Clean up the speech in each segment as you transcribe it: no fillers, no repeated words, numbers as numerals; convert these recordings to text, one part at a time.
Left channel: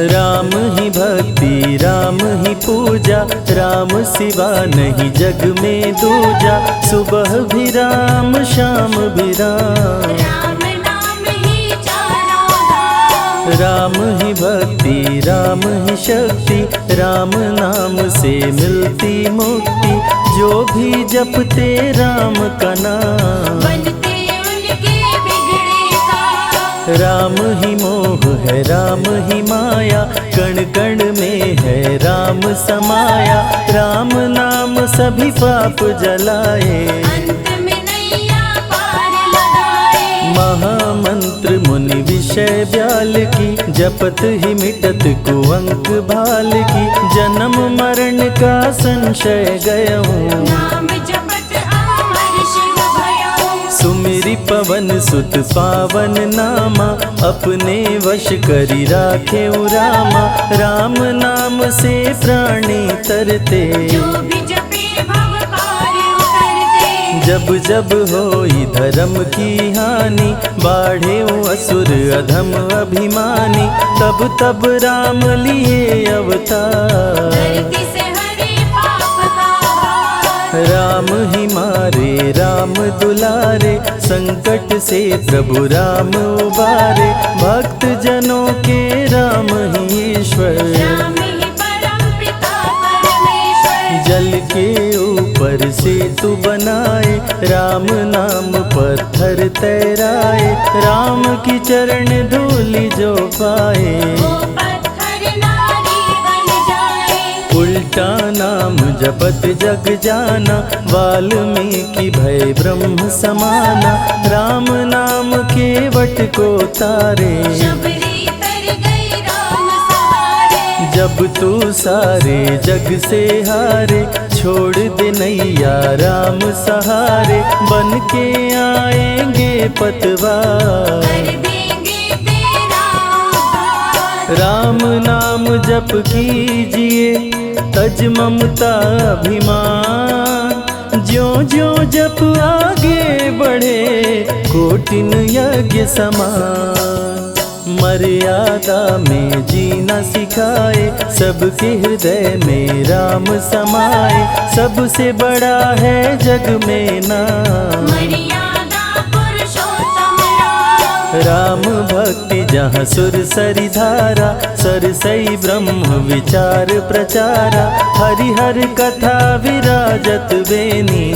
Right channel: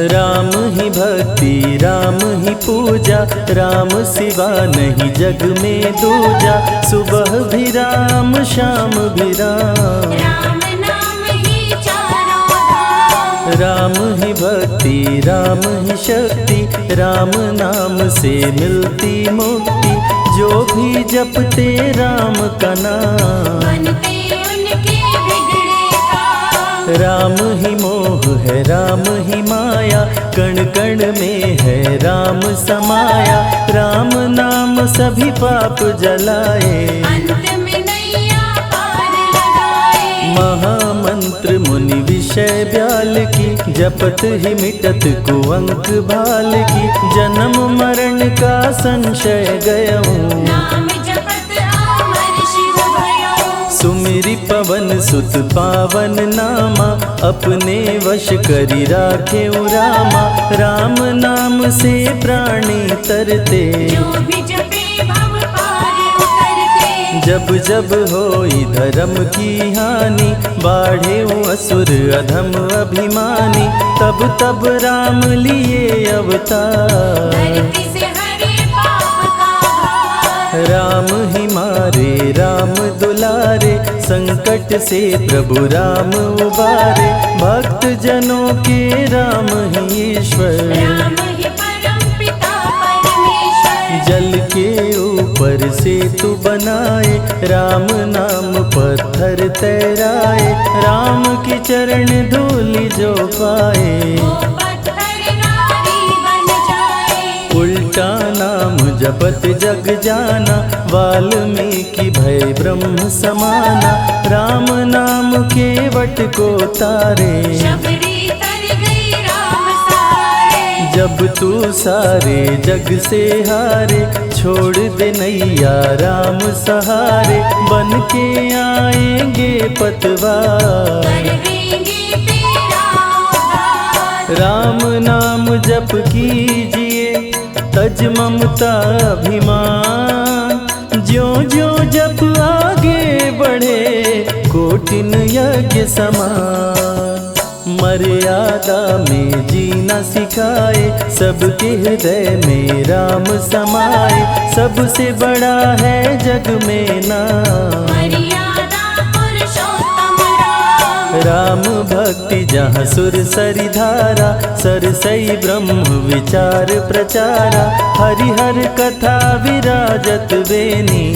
राम ही भक्ति राम ही पूजा, राम सिवा नहीं जग में दूजा। सुबह भी राम शाम भी राम, राम ही भक्ति राम ही शक्ति, राम नाम से मिलती मुक्ति। जो भी जपते राम का नाम, राम ही मोह है राम ही माया, कण कण में है राम समाया। राम नाम सभी पाप जलाए, महामंत्र मुनि विषय ब्याल की, जपत ही मिटत कुअंक भाल की। जन्म मरण का संशय गयऊं, सुमिरि पवन सुत पावन नामा। अपने वश करी राखे रामा, राम नाम से प्राणी तरते। जब जब होई धर्म की हानि, बाढ़े असुर अधम अभिमानी। तब तब राम लिए अवतार, राम ही मारे राम दुलारे। संकट से प्रभु राम उबारे, भक्त जनों के राम ही ईश्वर। जल के ऊपर सेतु बनाए, राम नाम पत्थर तैराए। राम की चरण धूलि जो पाए, उल्टा नाम जपत जग जाना। वाल्मीकि भय ब्रह्म समाना, राम नाम के वट को तारे। जब तू सारे जग से हारे, छोड़ दे नैया राम सहारे। बन के आएंगे पतवार, राम नाम जप कीजिए तज ममता अभिमान। ज्यों ज्यों जप आगे बढ़े, कोटिन यज्ञ समान। मर्यादा में जीना सिखाए, सबके हृदय में राम समाए। सबसे बड़ा है जग में नाम, राम भक्ति जहाँ सुर सरि धारा। सरसई ब्रह्म विचार प्रचारा, हरिहर कथा विराजत बेनी।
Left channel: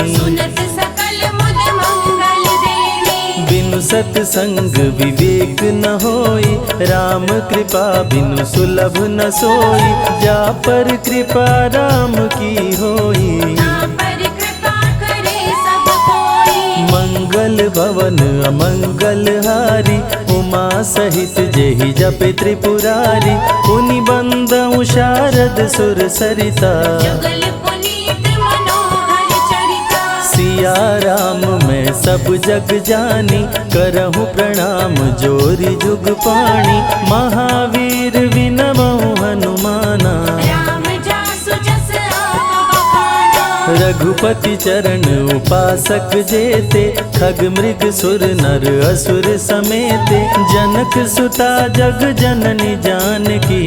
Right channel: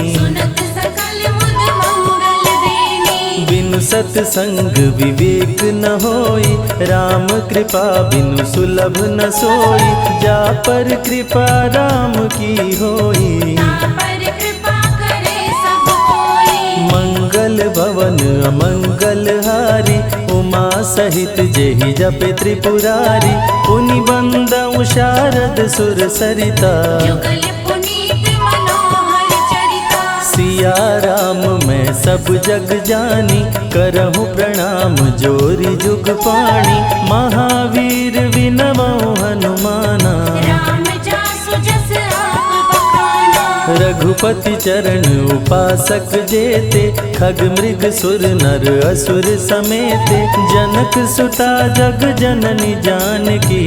बिनु सत्संग विवेक न होई, राम कृपा बिनु सुलभ न सोई। जा पर कृपा राम की होई, मंगल भवन अमंगल हारी। उमा सहित जेहि जपे त्रिपुरारी, पुनि बंदउ शारद सुर सरिता। सिया राम मैं सब जग जानी, करहूँ प्रणाम जोरी जुग पाणी। महावीर विनवऊँ हनुमाना, रघुपति चरण उपासक जेते। खग मृग सुर नर असुर समेते, जनक सुता जग जननी जानकी।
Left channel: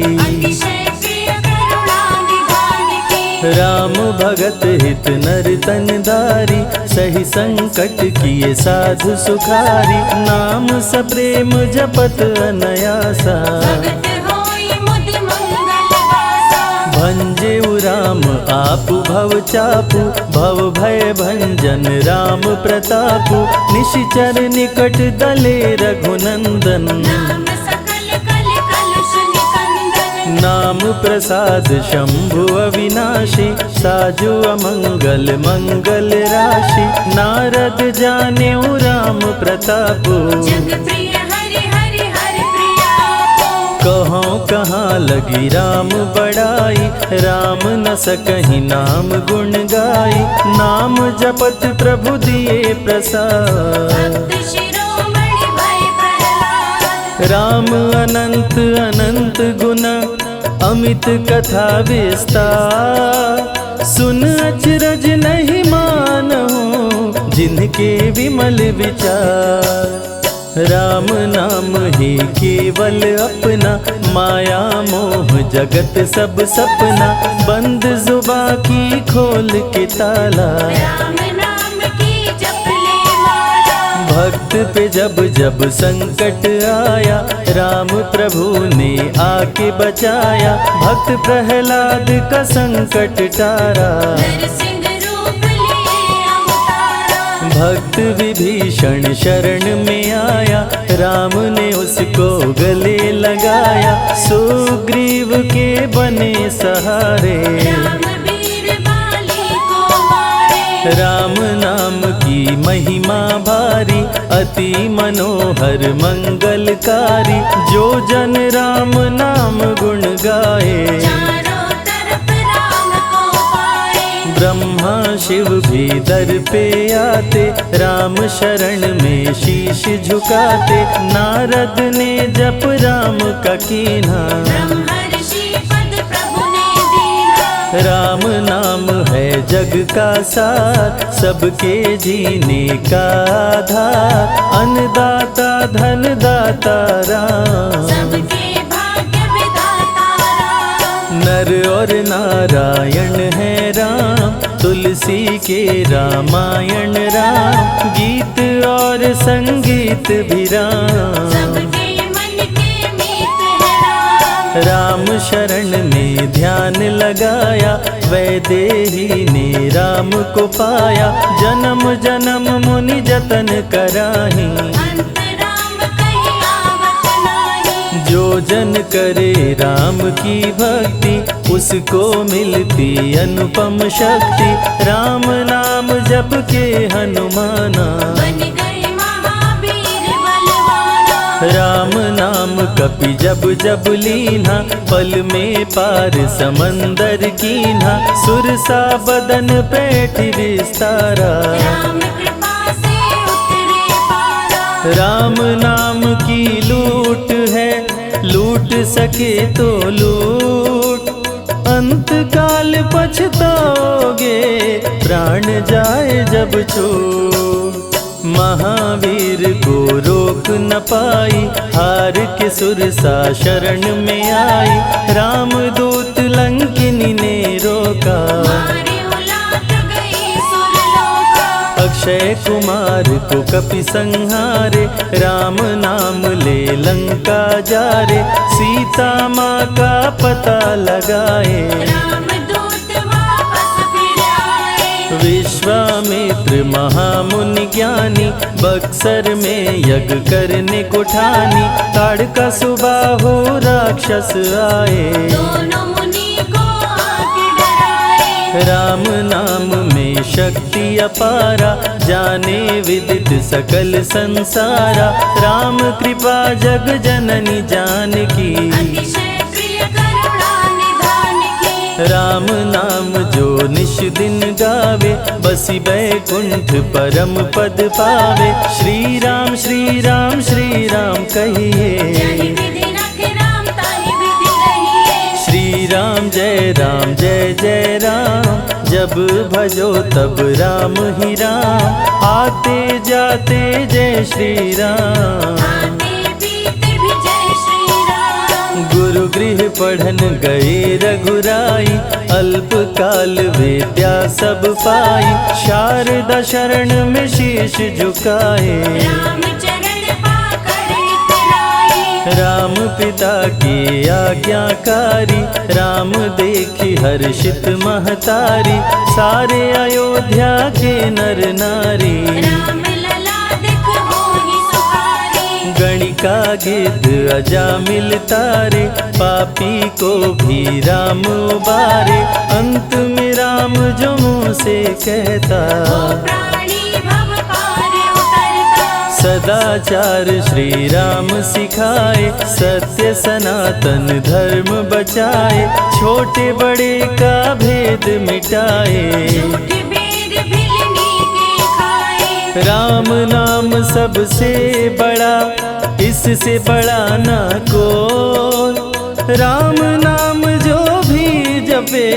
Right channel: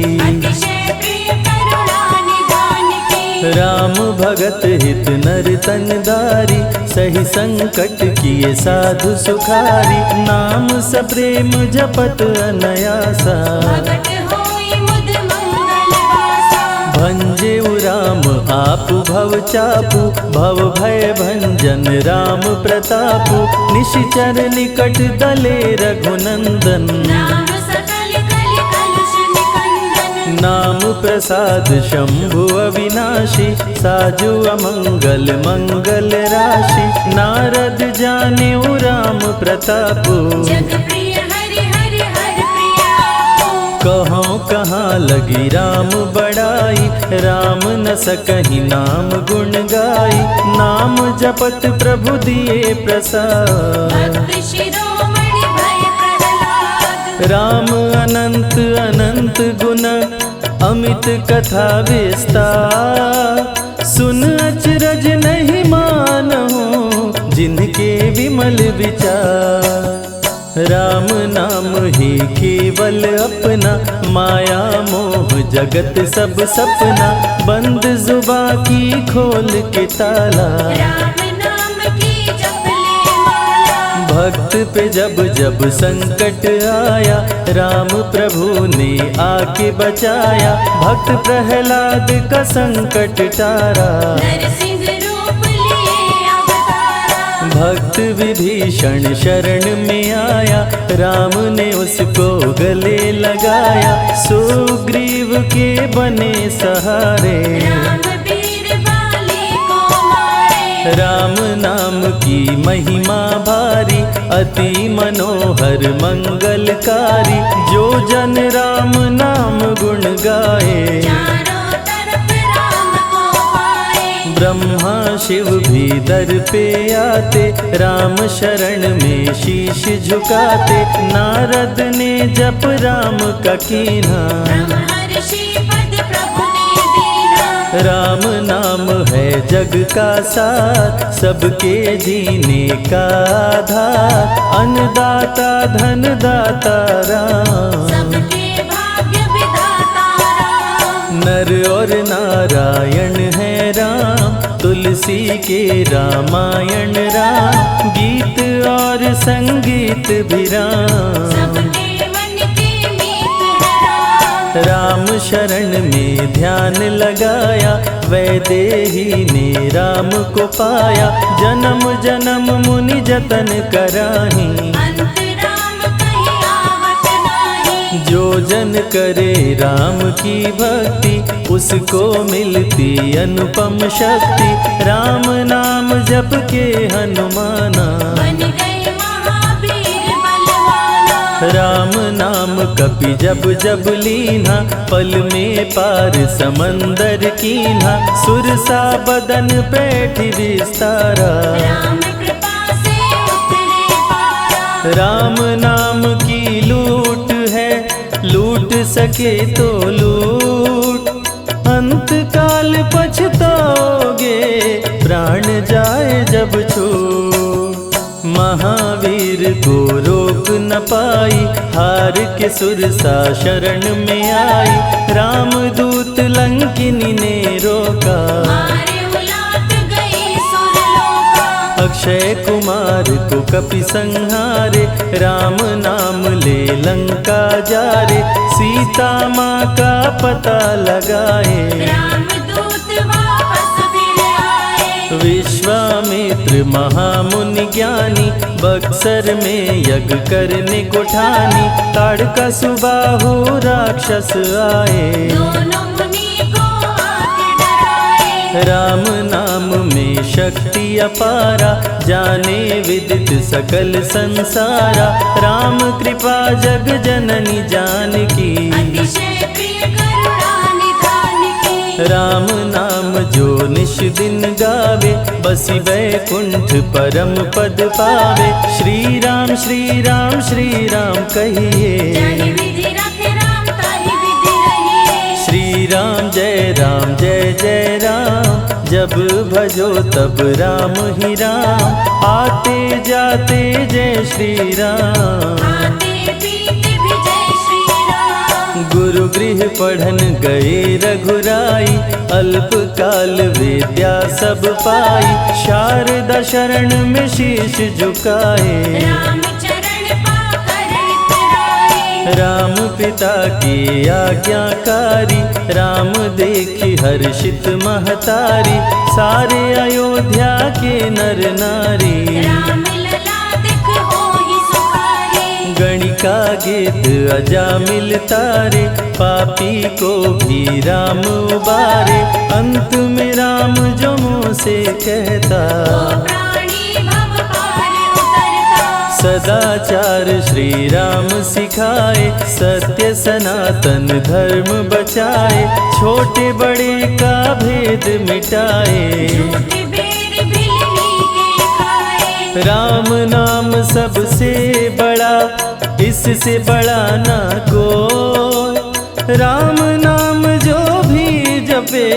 राम भगत हित नर तन दारी, सही संकट किए साधु सुखारी। नाम सप्रेम जपत अनयासा, भंजेउ राम आपु भव चापु। भव भय भंजन राम प्रतापु, निशिचर निकट दले रघुनंदन। नाम प्रसाद शंभु अविनाशी, साजु अमंगल मंगल राशि। नारद जानेउ राम प्रतापु, कहाँ कहाँ लगी राम बड़ाई। राम न सकहि नाम गुण गाई, नाम जपत प्रभु दिए प्रसाद। राम अनंत अनंत गुण, अमित कथा विस्तार। सुन अचरज नहीं मानहु, जिनके विमल विचार। राम नाम ही केवल अपना, माया मोह जगत सब सपना, बंद जुबा की खोल के ताला, राम नाम की जप ले माला। भक्त पे जब जब संकट आया, राम प्रभु ने आके बचाया, भक्त प्रहलाद का संकट टारा, नरसिंह रूप लिए अवतारा। भक्त विभीषण शरण में आया, राम ने उसको गले लगाया, सुग्रीव के बने सहारे, राम वीर बाली को मारे। राम नाम की महिमा भारी, अति मनोहर मंगलकारी, जो जन राम नाम गुण गाए, चारों तरफ राम को पाए। ब्रह्मा शिव भी दर पे आते, राम शरण में शीश झुकाते, नारद ने जप राम का कीन्हा, ब्रह्मर्षि पद प्रभु ने दीना। राम नाम है जग का सार, सबके जीने का आधार, अन्नदाता धनदाता राम, सबके भाग्य विधाता राम। नर और नारायण है राम, तुलसी के रामायण राम, गीत और संगीत भी राम, सबके मन के मीत है राम। राम शरण में ध्यान लगाया, वैदेही ने राम को पाया, जन्म जन्म मुनि जतन कराही, अंत राम कहीं आवत नाही। जो जन करे राम की भक्ति, उसको मिलती अनुपम शक्ति, राम नाम जप के हनुमाना, बन गए महावीर बलवाना। राम नाम कपि जब जब लीन्हा, पल में पार समंदर कीन्हा, सुरसा बदन पैठ विस्तारा, राम कृपा से उतरे पारा। राम नाम की लूट है, लूट सके तो लूट, अंत काल पछताओगे, प्राण जाए जब छूट, महावीर को रोक न पाई, हार के सुरसा शरण में आई, रामदूत लंकिनी ने रोका, मारे उलाट गई सुरलोका। अक्षय कुमार को कपि संहारे, राम नाम ले लंका जारे, सीता माँ का पता लगाए, रामदूत वापस फिर आए। विश्वामित्र महामुनि ज्ञानी, बक्सर में यज्ञ करने को ठानी, ताड़का सुबाहु राक्षस आए, दोनों मुनि को आके डराए। राम नाम में शक्ति अपारा, जाने विदित सकल संसारा, राम कृपा जग जननी जानकी, अतिशय प्रिय करुणा निधान की। राम नाम जो निश दिन गावे, बसी बैकुंठ परम पद पावे, श्री राम श्री राम श्री राम जानि कहिए, विधि रखे राम ताहि विधि रहिए। श्री राम जय जय राम, जब भजो तब राम ही राम, आते जाते जय श्री राम, आते पीते भी जय श्री राम। गुरु गृह पढ़न गए रघुराई, अल्प काल विद्या सब पाई, शारदा शरण में शीश झुकाए, राम चरण पाकर इतराए। राम पिता की आज्ञाकारी, राम देखी हर्षित महतारी, सारे अयोध्या के नर नारी, राम लला दिख होहि सुखारे। गणिका गिद्ध अजामिल तारे, पापी को भी राम उबारे, अंत में राम जो मुँह से कहता, प्राणी भव पार उतरता। सदाचार श्री राम सिखाए, सत्य सनातन धर्म बचाए, छोटे बड़े का भेद मिटाए, झूठ भेद भिलनी के खाए। राम नाम सबसे बड़ा, इससे बड़ा ना कोई, राम नाम जो भी जपे,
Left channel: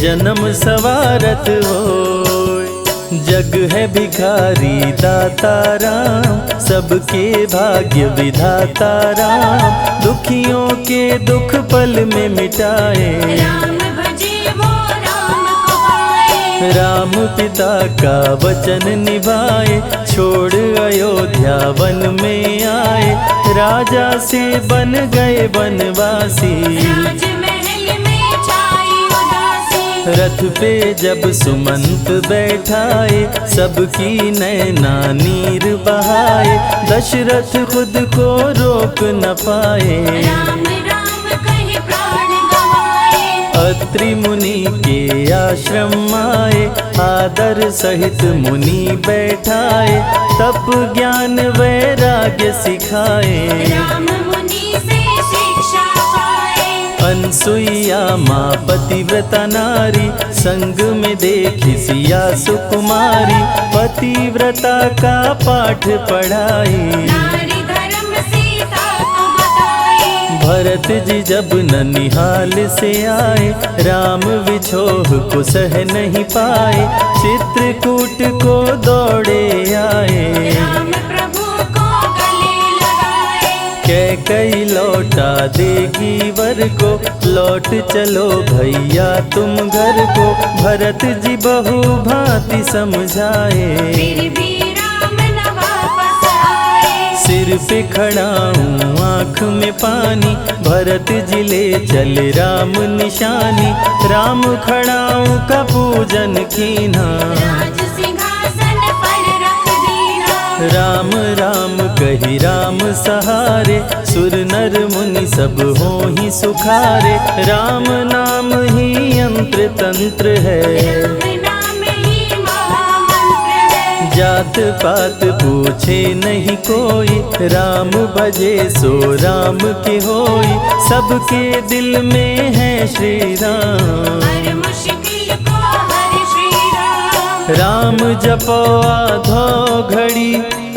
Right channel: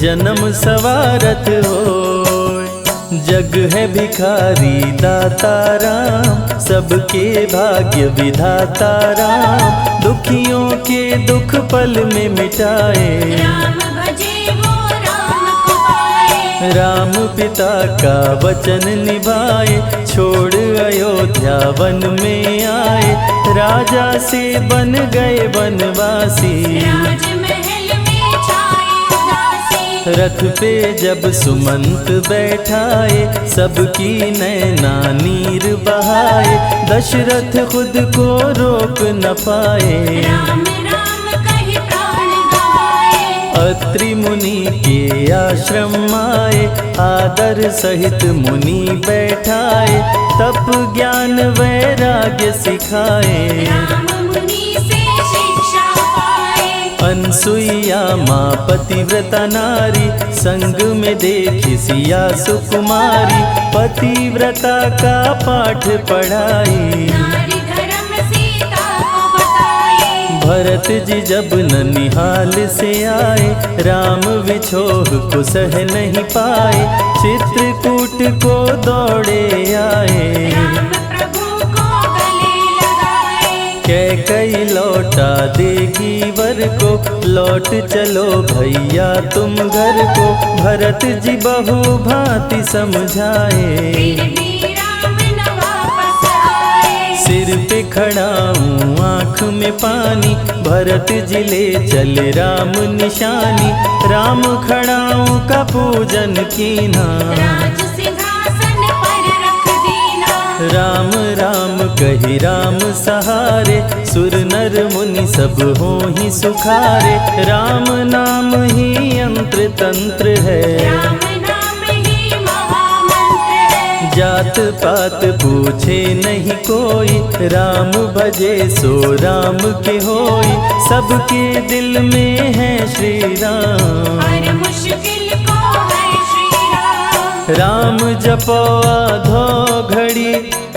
जन्म सवारत होय, जग है भिखारी दाता राम, सबके भाग्य विधाता राम, दुखियों के दुख पल में मिटाए। राम भजे वो राम को पाए। राम पिता का वचन निभाए, छोड़ अयोध्या वन में आए, राजा से बन गए वनवासी। राजमहल में छाई उदासी। रथ पे जब सुमंत बैठाए, सबकी नैना नीर बहाए, दशरथ खुद को रोक न पाए। राम राम कहि प्राण गवाए। अत्रि मुनि के आश्रम आए, आदर सहित मुनि बैठाए, तप ज्ञान वैराग्य सिखाए। राम मुनि से शिक्षा पाए। अनसुईया माँ पतिव्रता नारी, संग में देखी सिया सुकुमारी, पतिव्रता का पाठ पढ़ाई। नारी धर्म सीता को बताए। भरत जी जब ननिहाल से आए, राम विछोह को सह नहीं पाए, चित्रकूट को दौड़े आए। राम प्रभु को गले लगाए। कैकई लौटा देगी वर को, लौट चलो भैया तुम घर को, भरत जी बहु भांति समझाए। फिर भी राम न वापस आए। सिर पे खड़ाऊं आँख में पानी, भरत जी ले चले राम निशानी, राम खड़ाऊं का पूजन कीना। राज सिंहासन पर रख दीना। राम राम कही राम सहारे, सुर नर मुनि सब हो ही सुखारे, राम नाम ही यंत्र तंत्र है। राम नाम ही महामंत्र है। जात पात पूछे नहीं कोई, राम भजे सो राम के होई, सबके दिल में है श्री राम। हर मुश्किल को हर श्री राम। राम जपो आधो घड़ी,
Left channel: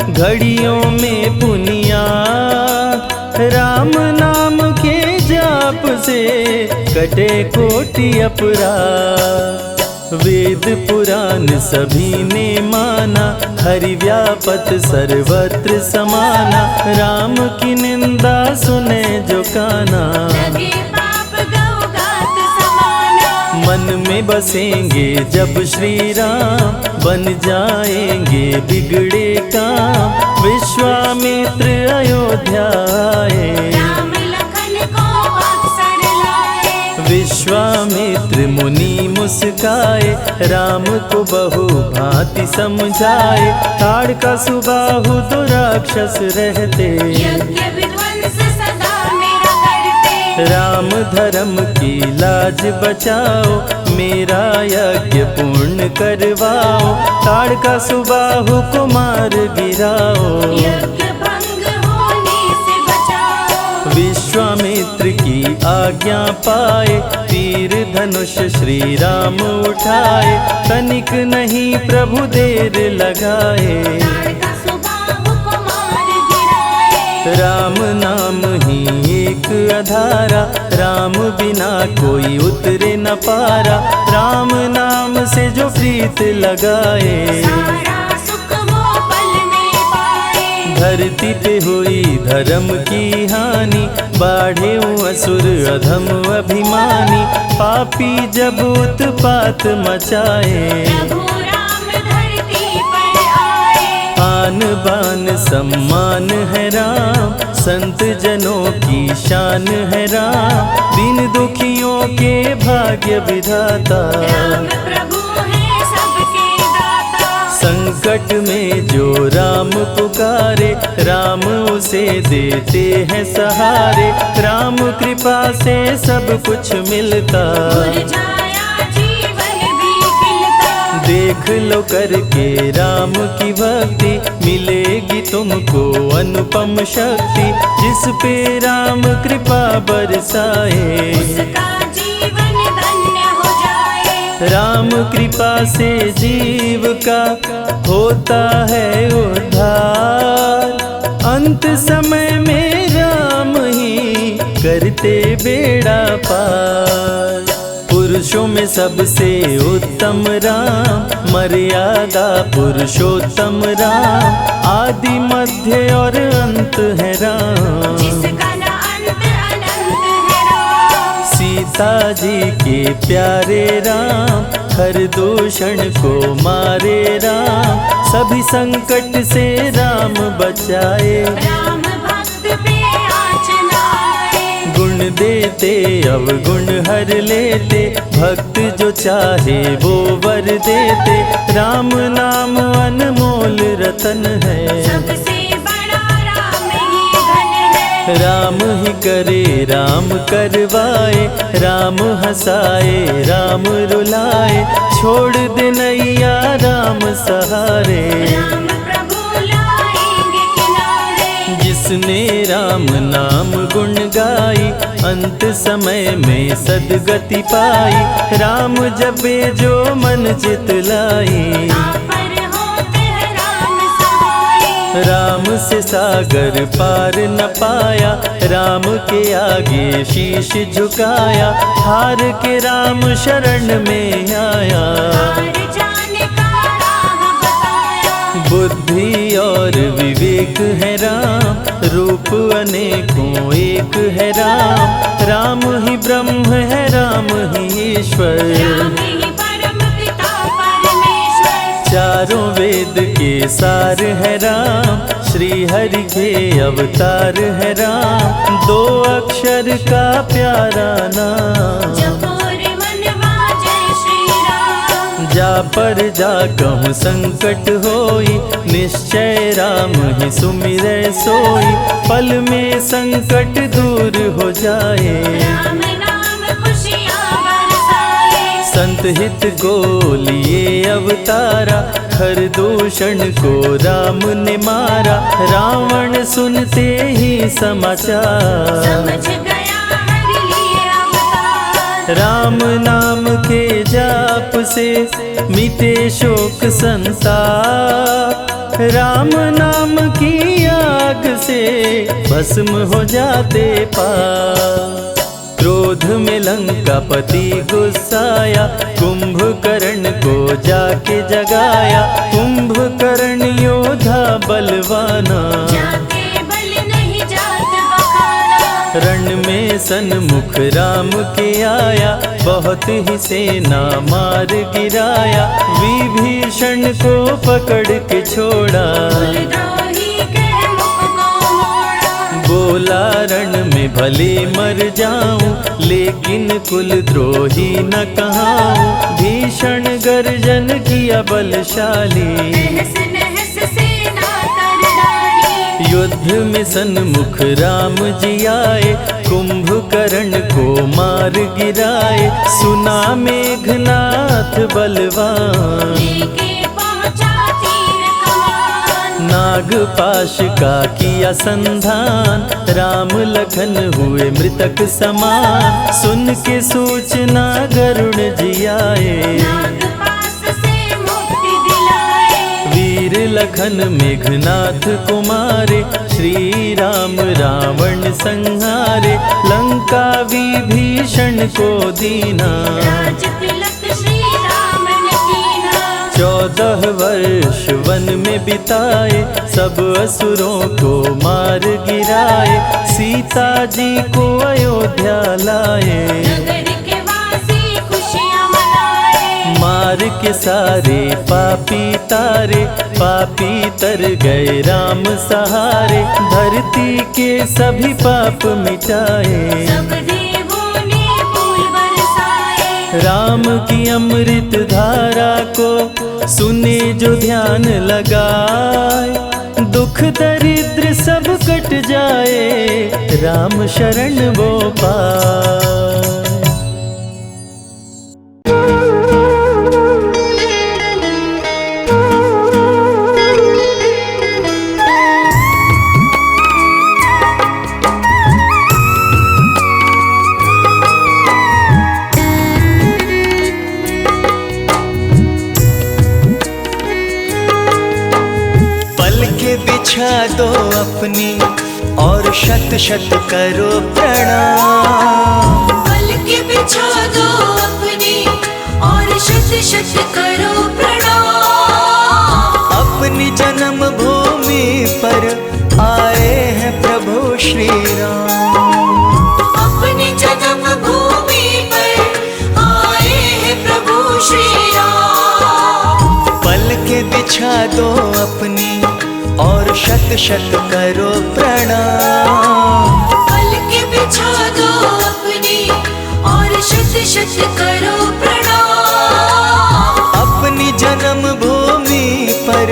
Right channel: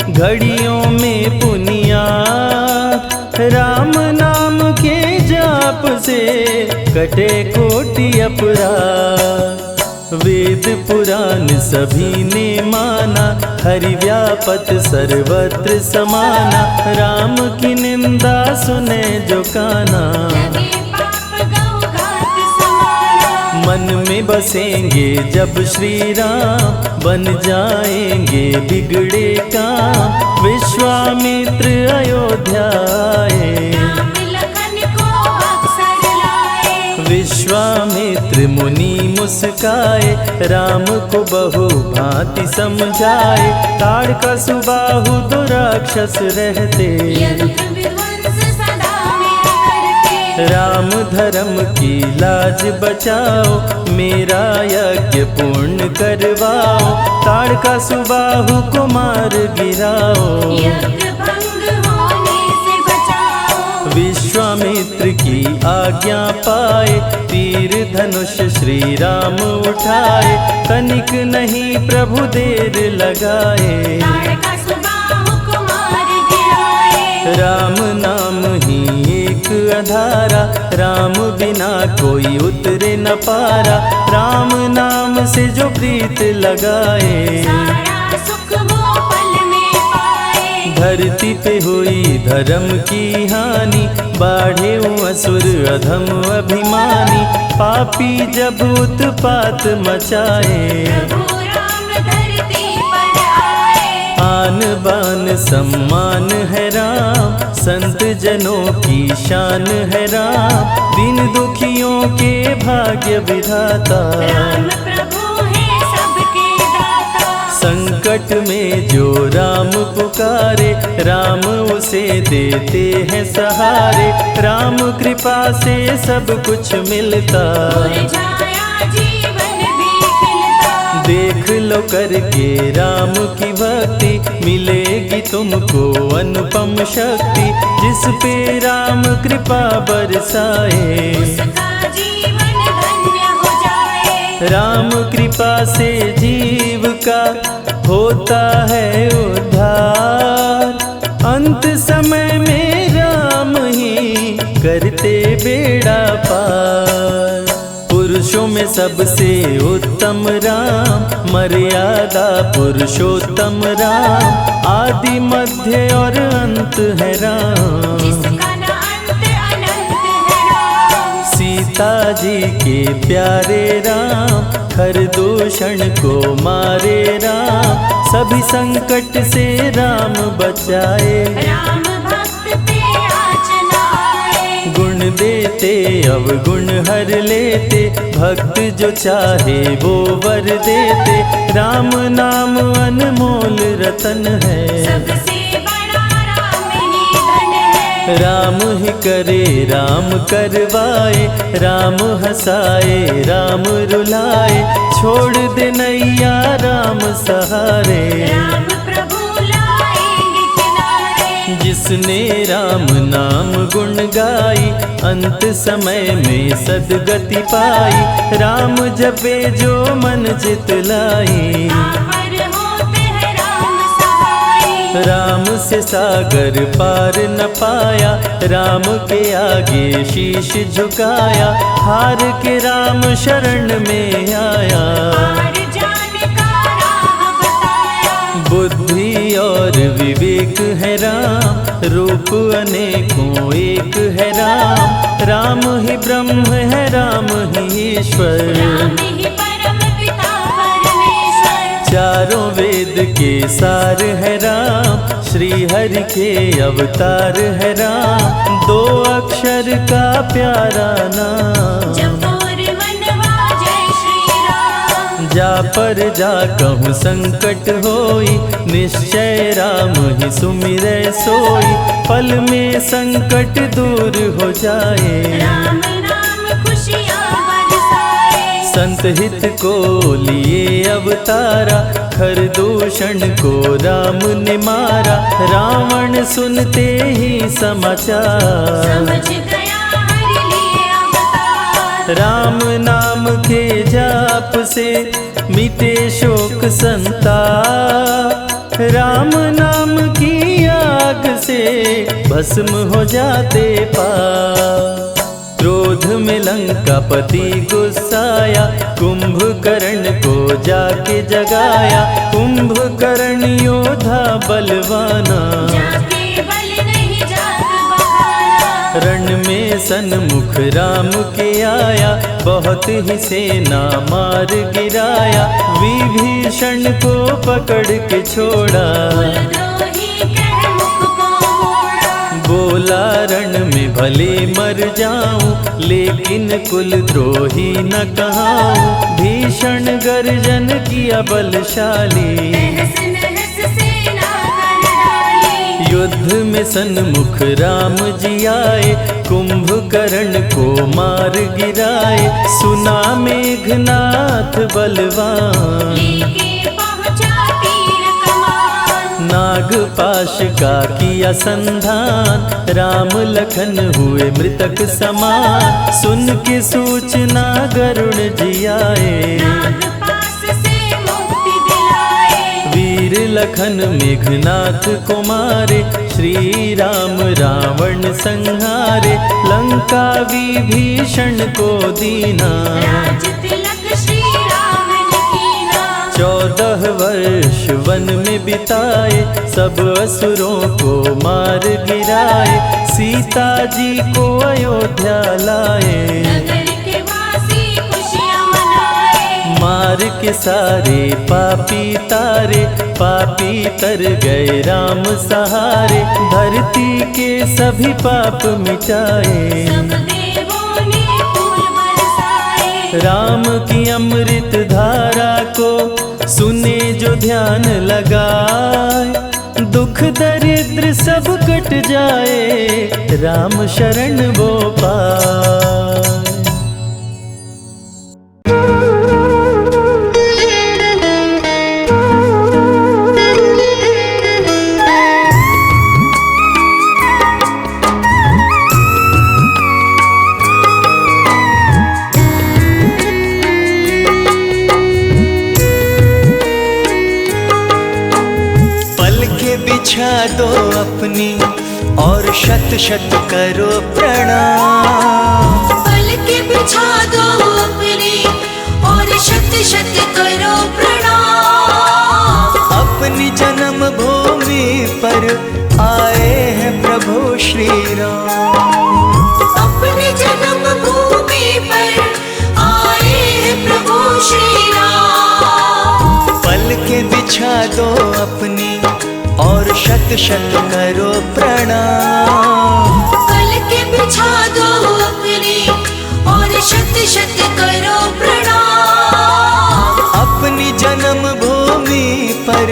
घड़ियों में पुनियात, राम नाम के जाप से कटे कोटि अपराध। वेद पुराण सभी ने माना, हरि व्यापत सर्वत्र समाना, राम की निंदा सुने जो काना। लगे पाप गौ घात समाना। मन में बसेंगे जब श्री राम, बन जाएंगे बिगड़े काम, विश्वामित्र अयोध्या आए। राम लखन को अवसर लाए। विश्वामित्र मुनि मुस्काए, राम को बहु भांति समझाए, ताड़का सुबाहु दो राक्षस रहते, यज्ञ विध्वंस सदा मेरा करते। राम धर्म की लाज बचाओ, मेरा यज्ञ पूर्ण करवाओ, ताड़का सुबाहु को मार गिराओ। यज्ञ भंग होने से बचाओ। विश्वामित्र की आज्ञा पाए, तीर धनुष श्री राम उठाए, तनिक नहीं प्रभु देर लगाए। ताड़का सुबाहु को मार गिराए। राम नाम ही एक आधारा, राम बिना कोई उतरे न पारा, राम नाम से जो प्रीत लगाए। सारा सुख वो पल में पाए। धरती पे हुई धर्म की हानि, बाढ़े असुर अधम अभिमानी, पापी जब उत्पात मचाए। प्रभु राम धरती पर आए। आन बान सम्मान है राम, संत जनों की शान है राम, दीन दुखियों के भाग्य विधाता। राम प्रभु है सबके दाता। संकट में जो राम पुकारे, राम उसे देते हैं सहारे, राम कृपा से सब कुछ मिलता। मुरझाया जीवन भी खिलता। देख लो करके राम की भक्ति, मिलेगी तुमको अनुपम शक्ति, जिस पे राम कृपा बरसाए। उसका जीवन धन्य हो जाए। राम कृपा से जीव का होता है उद्धार, अंत समय में राम ही करते बेड़ा पार। पुरुषों में सबसे उत्तम राम, मर्यादा पुरुषोत्तम राम, आदि मध्य और अंत है राम। जिसका न अंत अनंत है राम। सीता जी के प्यारे राम, हर दूषण को मारे राम, सभी संकट से राम बचाए। राम भक्त पे आँच न आए। गुण देते अवगुण हर लेते, भक्त जो चाहे वो वर देते। राम नाम अनमोल रतन है, सबसे बड़ा राम ही धन है। राम ही करे राम करवाए, राम हंसाए राम रुलाए, छोड़ दे नैया राम सहारे। राम प्रभु लाएंगे किनारे। जिसने राम नाम गुण गाई, अंत समय में सदगति पाई। राम जपे जो मन चित लाई, पर होते हैं राम सहाय। राम से सागर पार न पाया, राम के आगे शीश झुकाया। हार के राम शरण में आया, हार जाने का राह बताया। बुद्धि और विवेक है राम, रूप अनेकों एक है राम। राम ही ब्रह्म है राम ही ईश्वर, राम ही परम पिता परमेश्वर। चारों वेद के सार है राम, श्री हरि के अवतार है राम। दो अक्षर का प्यारा नाम, जपोर वनवा जय श्री राम। जा पर जा कहूँ संकट होई, निश्चय राम ही सुमिरै सोई। पल में संकट दूर हो जाए, राम नाम खुशियाँ बरसाए। संत हित को लिए अवतारा, हर दूषण को राम ने मारा। रावण सुनते ही समाचार, समझ गया हरि लिए अवतार। राम नाम के जाप से मिटे शोक संताप। राम नाम की आग से भस्म हो जाते पाप। क्रोध में लंकापति गुस्साया, कुंभकर्ण को जाके जगाया। कुंभकर्ण योद्धा बलवाना, जाके बल नहीं जाग बहाना। रण में सन्मुख राम के आया, बहुत ही सेना मार गिराया। विभीषण को पकड़ के छोड़ा, द्रोही कर मुख को मोड़ा। बोला रण में भले मर जाऊं, लेकिन कुल द्रोही न कहाऊं। भीषण गर्जन किया बलशाली, तहस नहस सेना कर डाली। युद्ध में सन्मुख राम जी आए, कुंभकर्ण को मार गिराए। सुना मेघनाथ बलवान, लेके पहुँचा तीर कमान। नागपाश का किया संधान, राम लखन हुए मृतक समान। सुन के सूचना गरुण जी आए, नागपाश से मुक्ति दिलाए। वीर लखन मेघनाथ को मारे। श्री राम रावण संहारे, लंका विभीषण को दीना। राज तिलक श्री राम ने कीना। 14 वर्ष वन में बिताए, सब असुरों को मार गिराए। सीता जी को अयोध्या लाए, नगर के वासी खुशियाँ मनाए। मार के सारे पापी तारे। पापी तर गए राम सहारे, धरती के सभी पाप मिटाए। सब देवों ने फूल बरसाए। राम की अमृत धारा को सुने जो ध्यान लगाए। दुख दरिद्र सब कट जाए, राम शरण वो पाए। बिछा दो अपनी और शत शत करो प्रणाम। पल के बिछा दो अपनी पर आए हैं प्रभु श्री राम। अपनी जन्मभूमि पर आए हैं प्रभु श्री राम। पल के बिछा दो अपनी और शत शत करो प्रणाम। पल के बिछा दो अपनी और शत शत करो प्रणाम। अपनी जन्मभूमि पर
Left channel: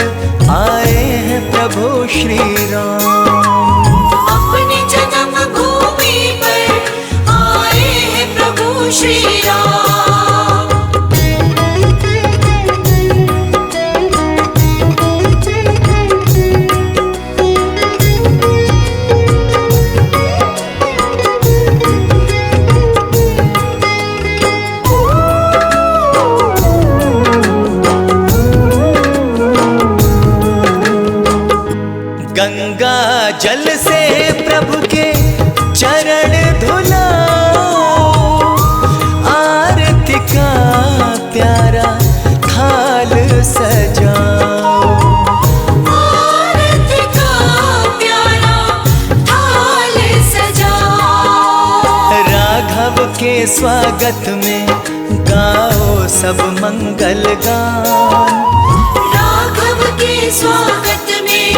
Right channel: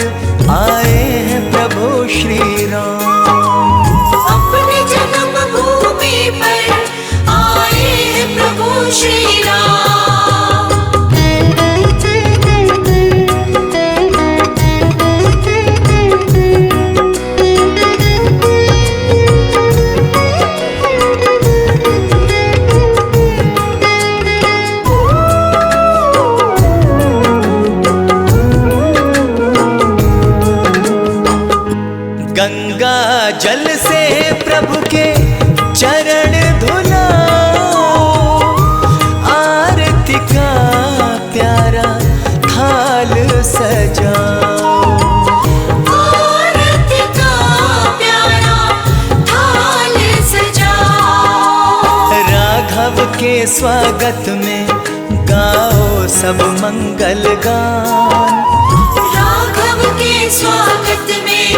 आए हैं प्रभु श्री राम। अपनी जन्मभूमि पर आए हैं प्रभु श्री राम। गंगा जल से प्रभु के चरण धुलाओ, आरती का प्यारा थाल सजाओ। आरती का प्यारा थाल सजाओ। राघव के स्वागत में गाओ सब मंगल गान। राघव के स्वागत में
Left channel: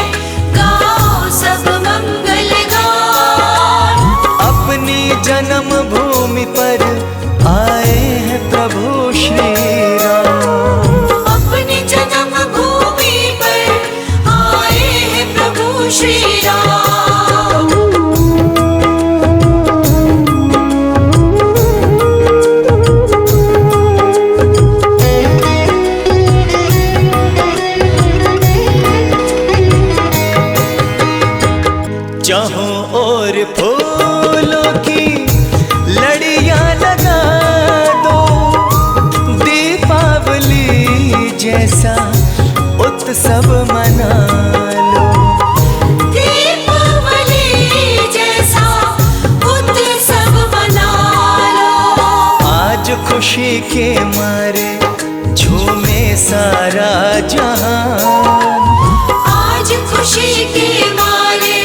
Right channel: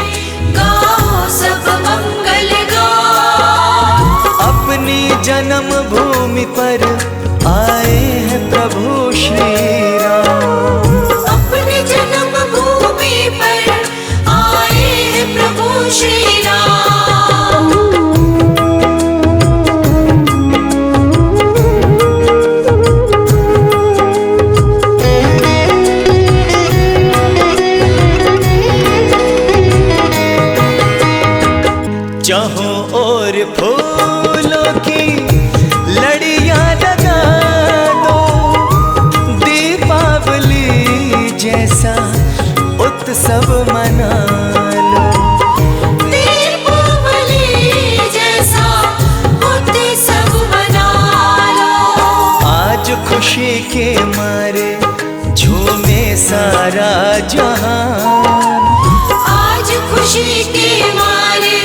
गाओ सब मंगल गान। अपनी जन्मभूमि पर आए हैं प्रभु श्री राम। अपनी जन्मभूमि पर आए हैं प्रभु श्री राम। जहाँ और फूलों की लड़ियां लगा दो, दीपावली जैसा उत्सव मना लो। दीपावली जैसा उत्सव मना लो। आज खुशी के मारे झूमे सारा जहान। आज खुशी के मारे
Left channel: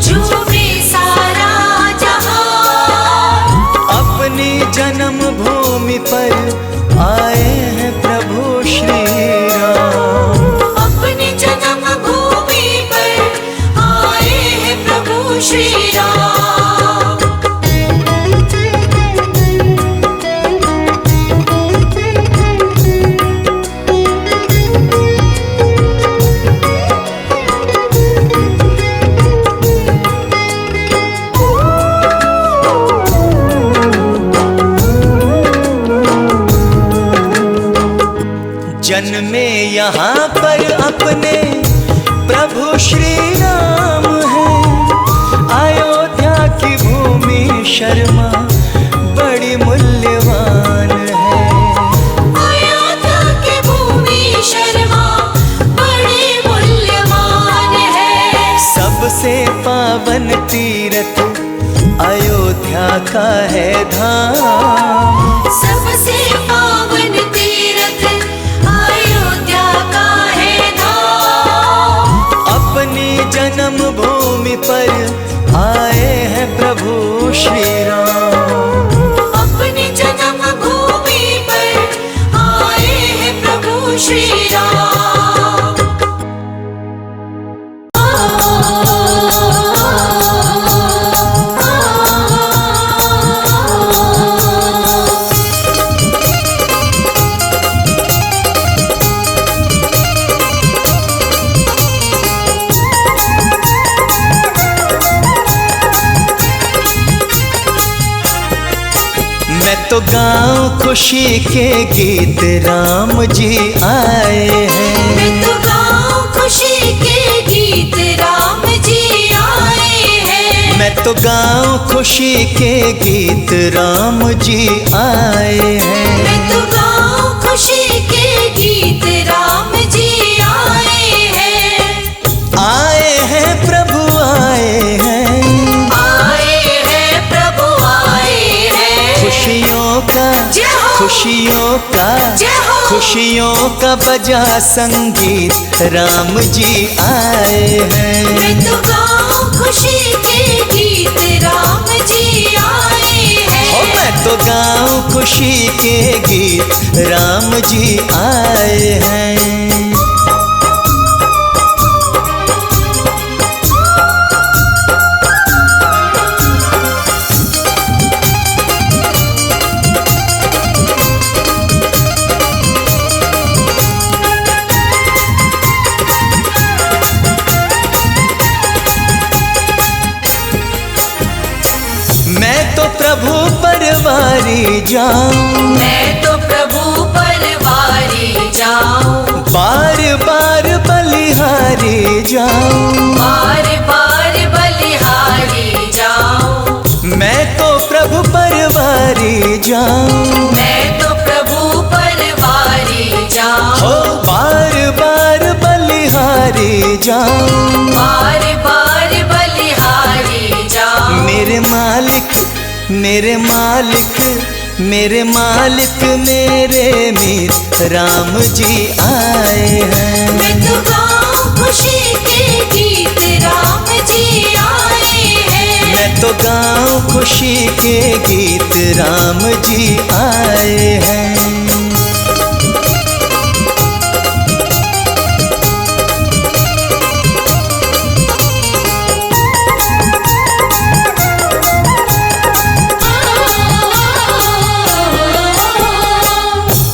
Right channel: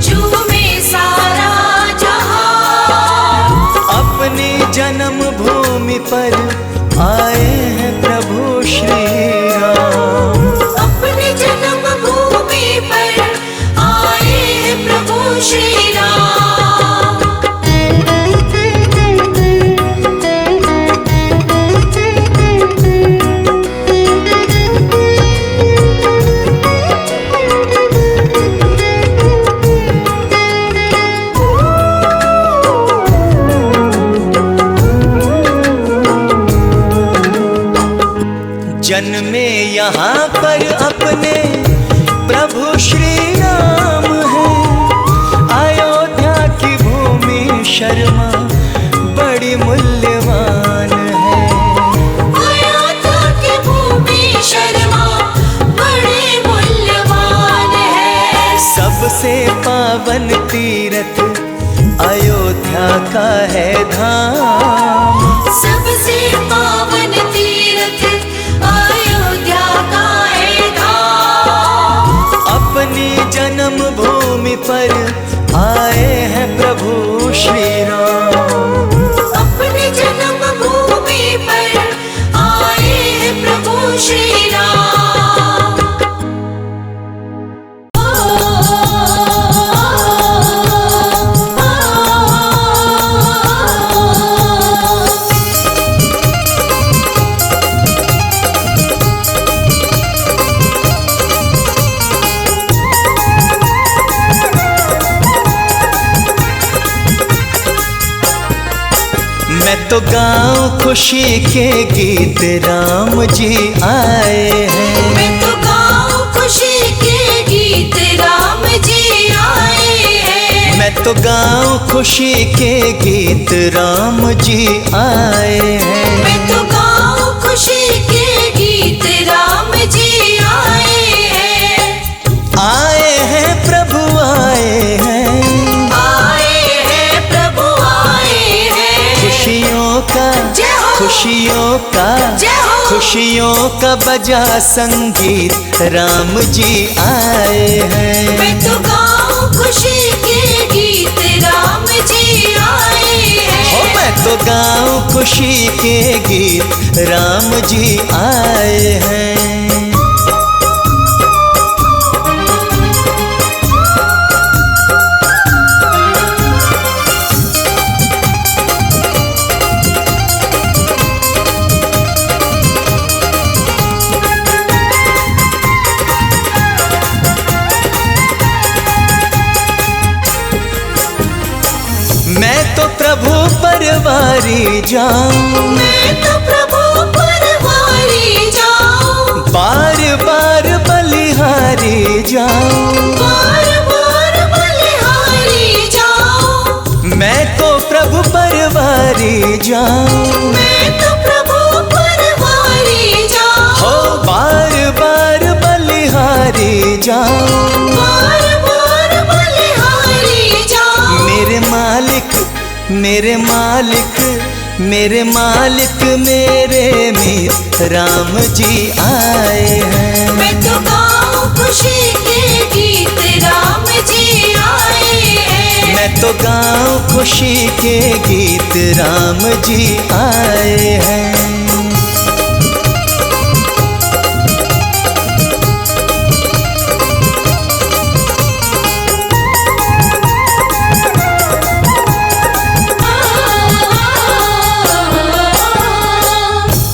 झूमे सारा जहान। अपनी जन्मभूमि पर आए हैं प्रभु श्री राम। अपनी जन्मभूमि पर आए हैं प्रभु श्री राम। जन्मे यहाँ पर अपने प्रभु श्री राम है। अयोध्या की भूमि शर्मा बड़ी मूल्यवान है। अयोध्या की भूमि शर्मा बड़ी मूल्यवान है। सबसे पावन तीर्थ अयोध्या का है धाम। सबसे पावन तीर्थ अयोध्या का है धाम। अपनी जन्मभूमि पर आए हैं प्रभु श्री राम। अपनी जन्मभूमि पर आए हैं प्रभु श्री राम। मैं तो गाऊं खुशी के गीत, राम जी आए हैं। मैं तो गाऊं खुशी के गीत, राम जी आए हैं। मैं तो गाऊं खुशी के गीत, राम जी आए हैं। मैं तो गाऊं खुशी के गीत, राम जी आए हैं। आए हैं प्रभु आए हैं। आए हैं प्रभु आए हैं। खुशियों का जय हो, खुशियों का जय हो। खुशियों का बजा संगीत, राम जी आए हैं। मैं तो गाऊं खुशी के गीत, राम जी आए हैं। हो मैं तो गाऊं खुशी के गीत, राम जी आए हैं। मैं तो प्रभु परवारी जाऊं, मैं तो प्रभु परवारी जाऊं, बार बार बलिहारी जाऊं। बार बार बलिहारी जाऊं। मैं तो प्रभु परवारी जाऊं, मैं तो प्रभु परवारी जाऊं, हो बार बार बलिहारी जाऊं। बार बार बलिहारी जाऊं। मेरे मालिक मेरे मालिक मेरे मालिक मेरे मीत, राम जी आए हैं। मैं तो गाऊं खुशी के गीत, राम जी आए हैं। मैं तो गाऊं खुशी के गीत, राम जी आए हैं।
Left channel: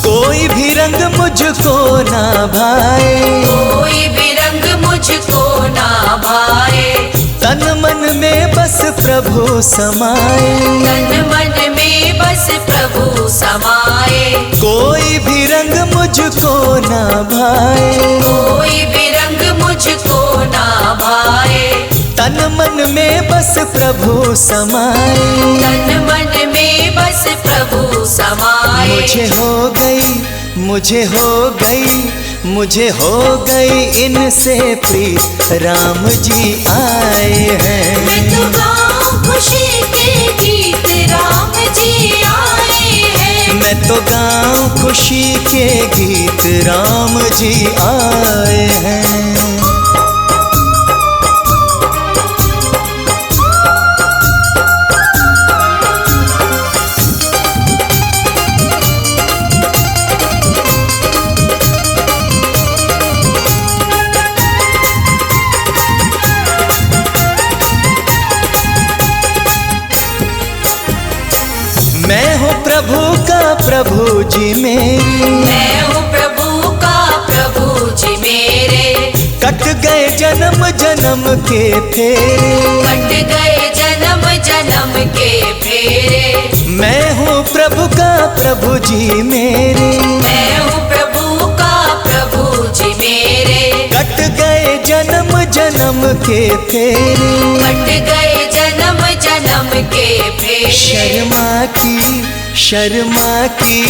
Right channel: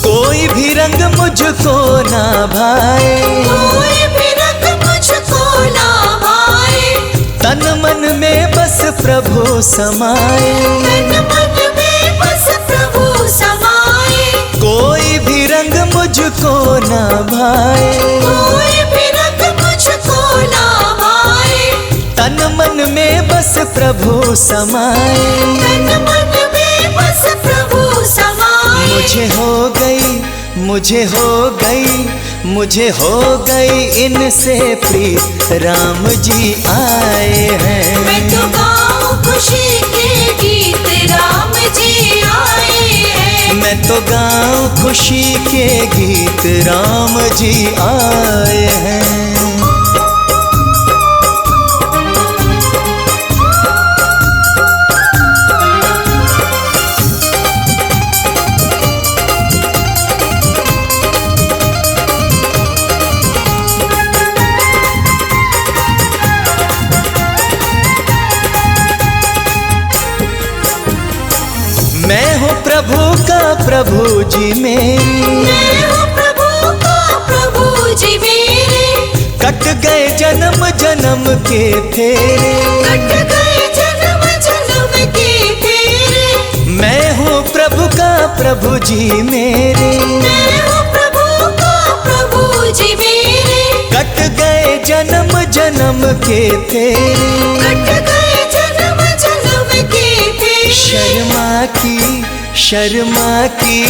कोई भी रंग मुझको ना भाए, कोई भी रंग मुझको ना भाए। तन मन में बस प्रभु समाए। तन मन में बस प्रभु समाए। कोई भी रंग मुझको ना भाए, कोई भी रंग मुझको ना भाए। तन मन में बस प्रभु समाए। तन मन में बस प्रभु समाए। मुझे हो गई मुझे हो गई मुझे हो गई इनसे प्रीत, राम जी आए हैं। मैं तो गाऊं खुशी के गीत, राम जी आए हैं। मैं तो गाऊं खुशी के गीत, राम जी आए हैं। मैं हूँ प्रभु का प्रभु जी मेरी, मैं हूँ प्रभु का प्रभु जी मेरे। कट गए जन्म जन्म के फेरे। कट गए जन्म जन्म के फेरे। मैं हूँ प्रभु का प्रभु जी मेरे, मैं हूँ प्रभु का प्रभु जी मेरे। कट गए जन्म जन्म के फेरे। कट गए जन्म जन्म के फेरे। शर्मा की शर्मा की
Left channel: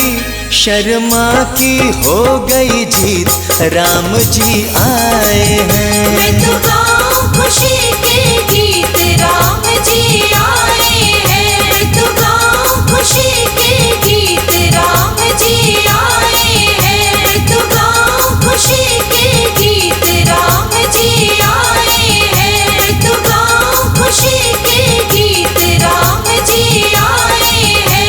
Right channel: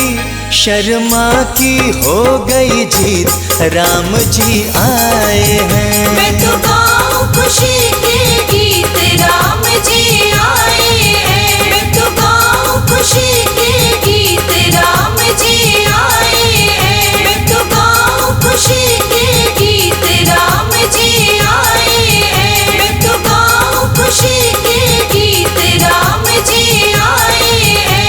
शर्मा की हो गई जीत, राम जी आए हैं। मैं तो गाऊं खुशी के गीत, राम जी आए हैं। मैं तो गाऊं खुशी के गीत, राम जी आए हैं। मैं तो गाऊं खुशी के गीत, राम जी आए हैं। मैं तो गाऊं खुशी के गीत, राम जी आए हैं।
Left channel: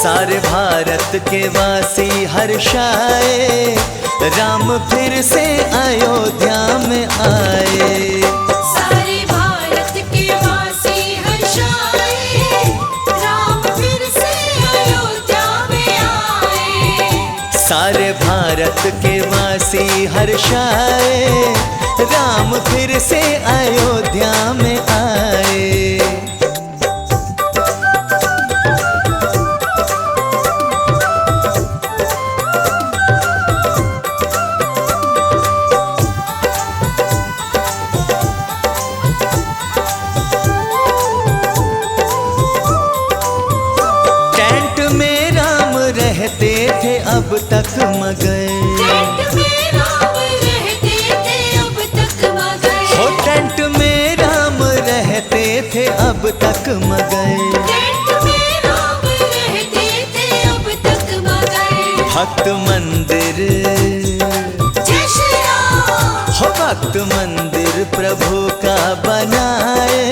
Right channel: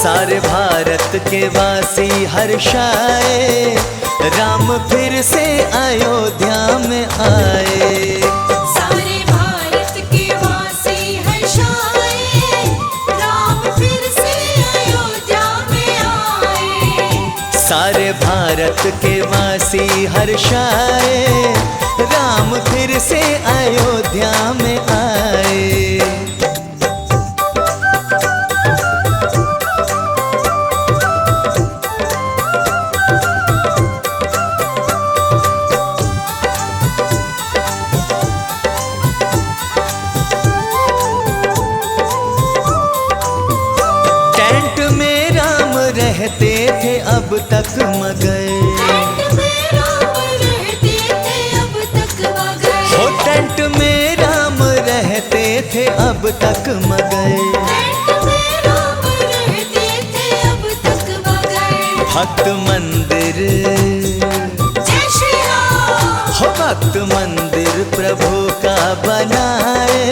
सारे भारत के वासी हर्षाए, राम फिर से अयोध्या में आए। सारे भारत के वासी हर्षाए, राम फिर से अयोध्या में आए। सारे भारत के वासी हर्षाए, राम फिर से अयोध्या में आए। रहते थे अब तक मगए। टेंट में राम रहते थे अब तक मगए। हो टेंट में राम रहते थे अब तक मगए। टेंट में राम रहते थे अब तक मगए। भक्त मंदिर जय श्री राम। हो भक्त मंदिर प्रभु का बनाए,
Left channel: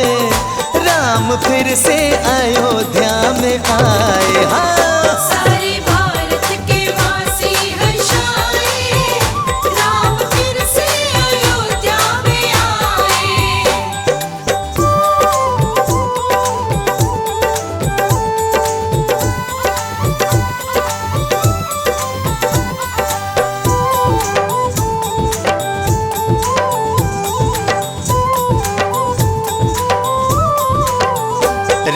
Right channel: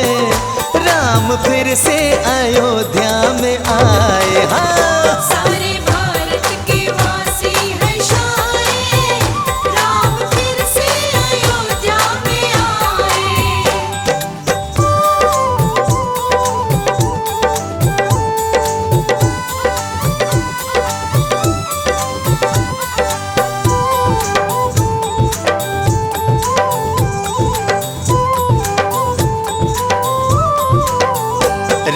राम फिर से अयोध्या में आए। हाँ सारे भारत के वासी हर्षाए, राम फिर से अयोध्या में आए।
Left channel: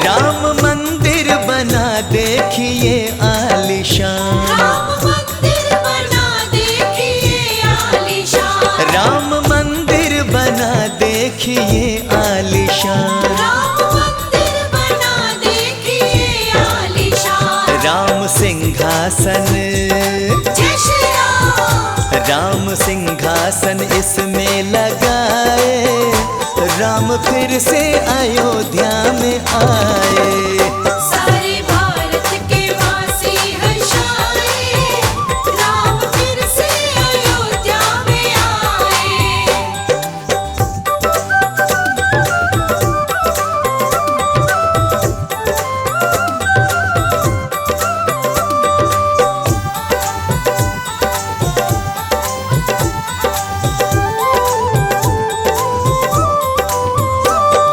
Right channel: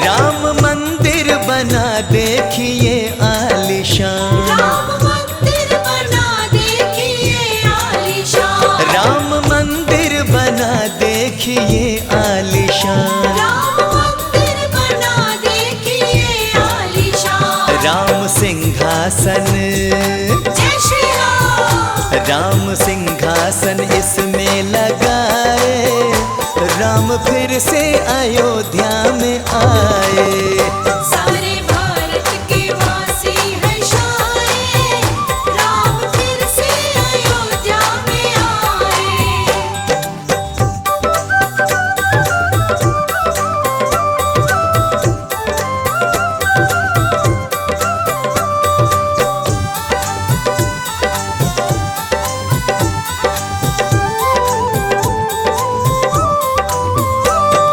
राम मंदिर बना देखिए आलीशान। राम मंदिर बना देखिए आलीशान। राम मंदिर बना देखिए आलीशान। राम मंदिर बना देखिए आलीशान। राम सिंहासन, जय श्री राम। राम सिंहासन इसमें लगाए, राम फिर से अयोध्या में आए। सारे भारत के वासी हर्षाए, राम फिर से अयोध्या में आए।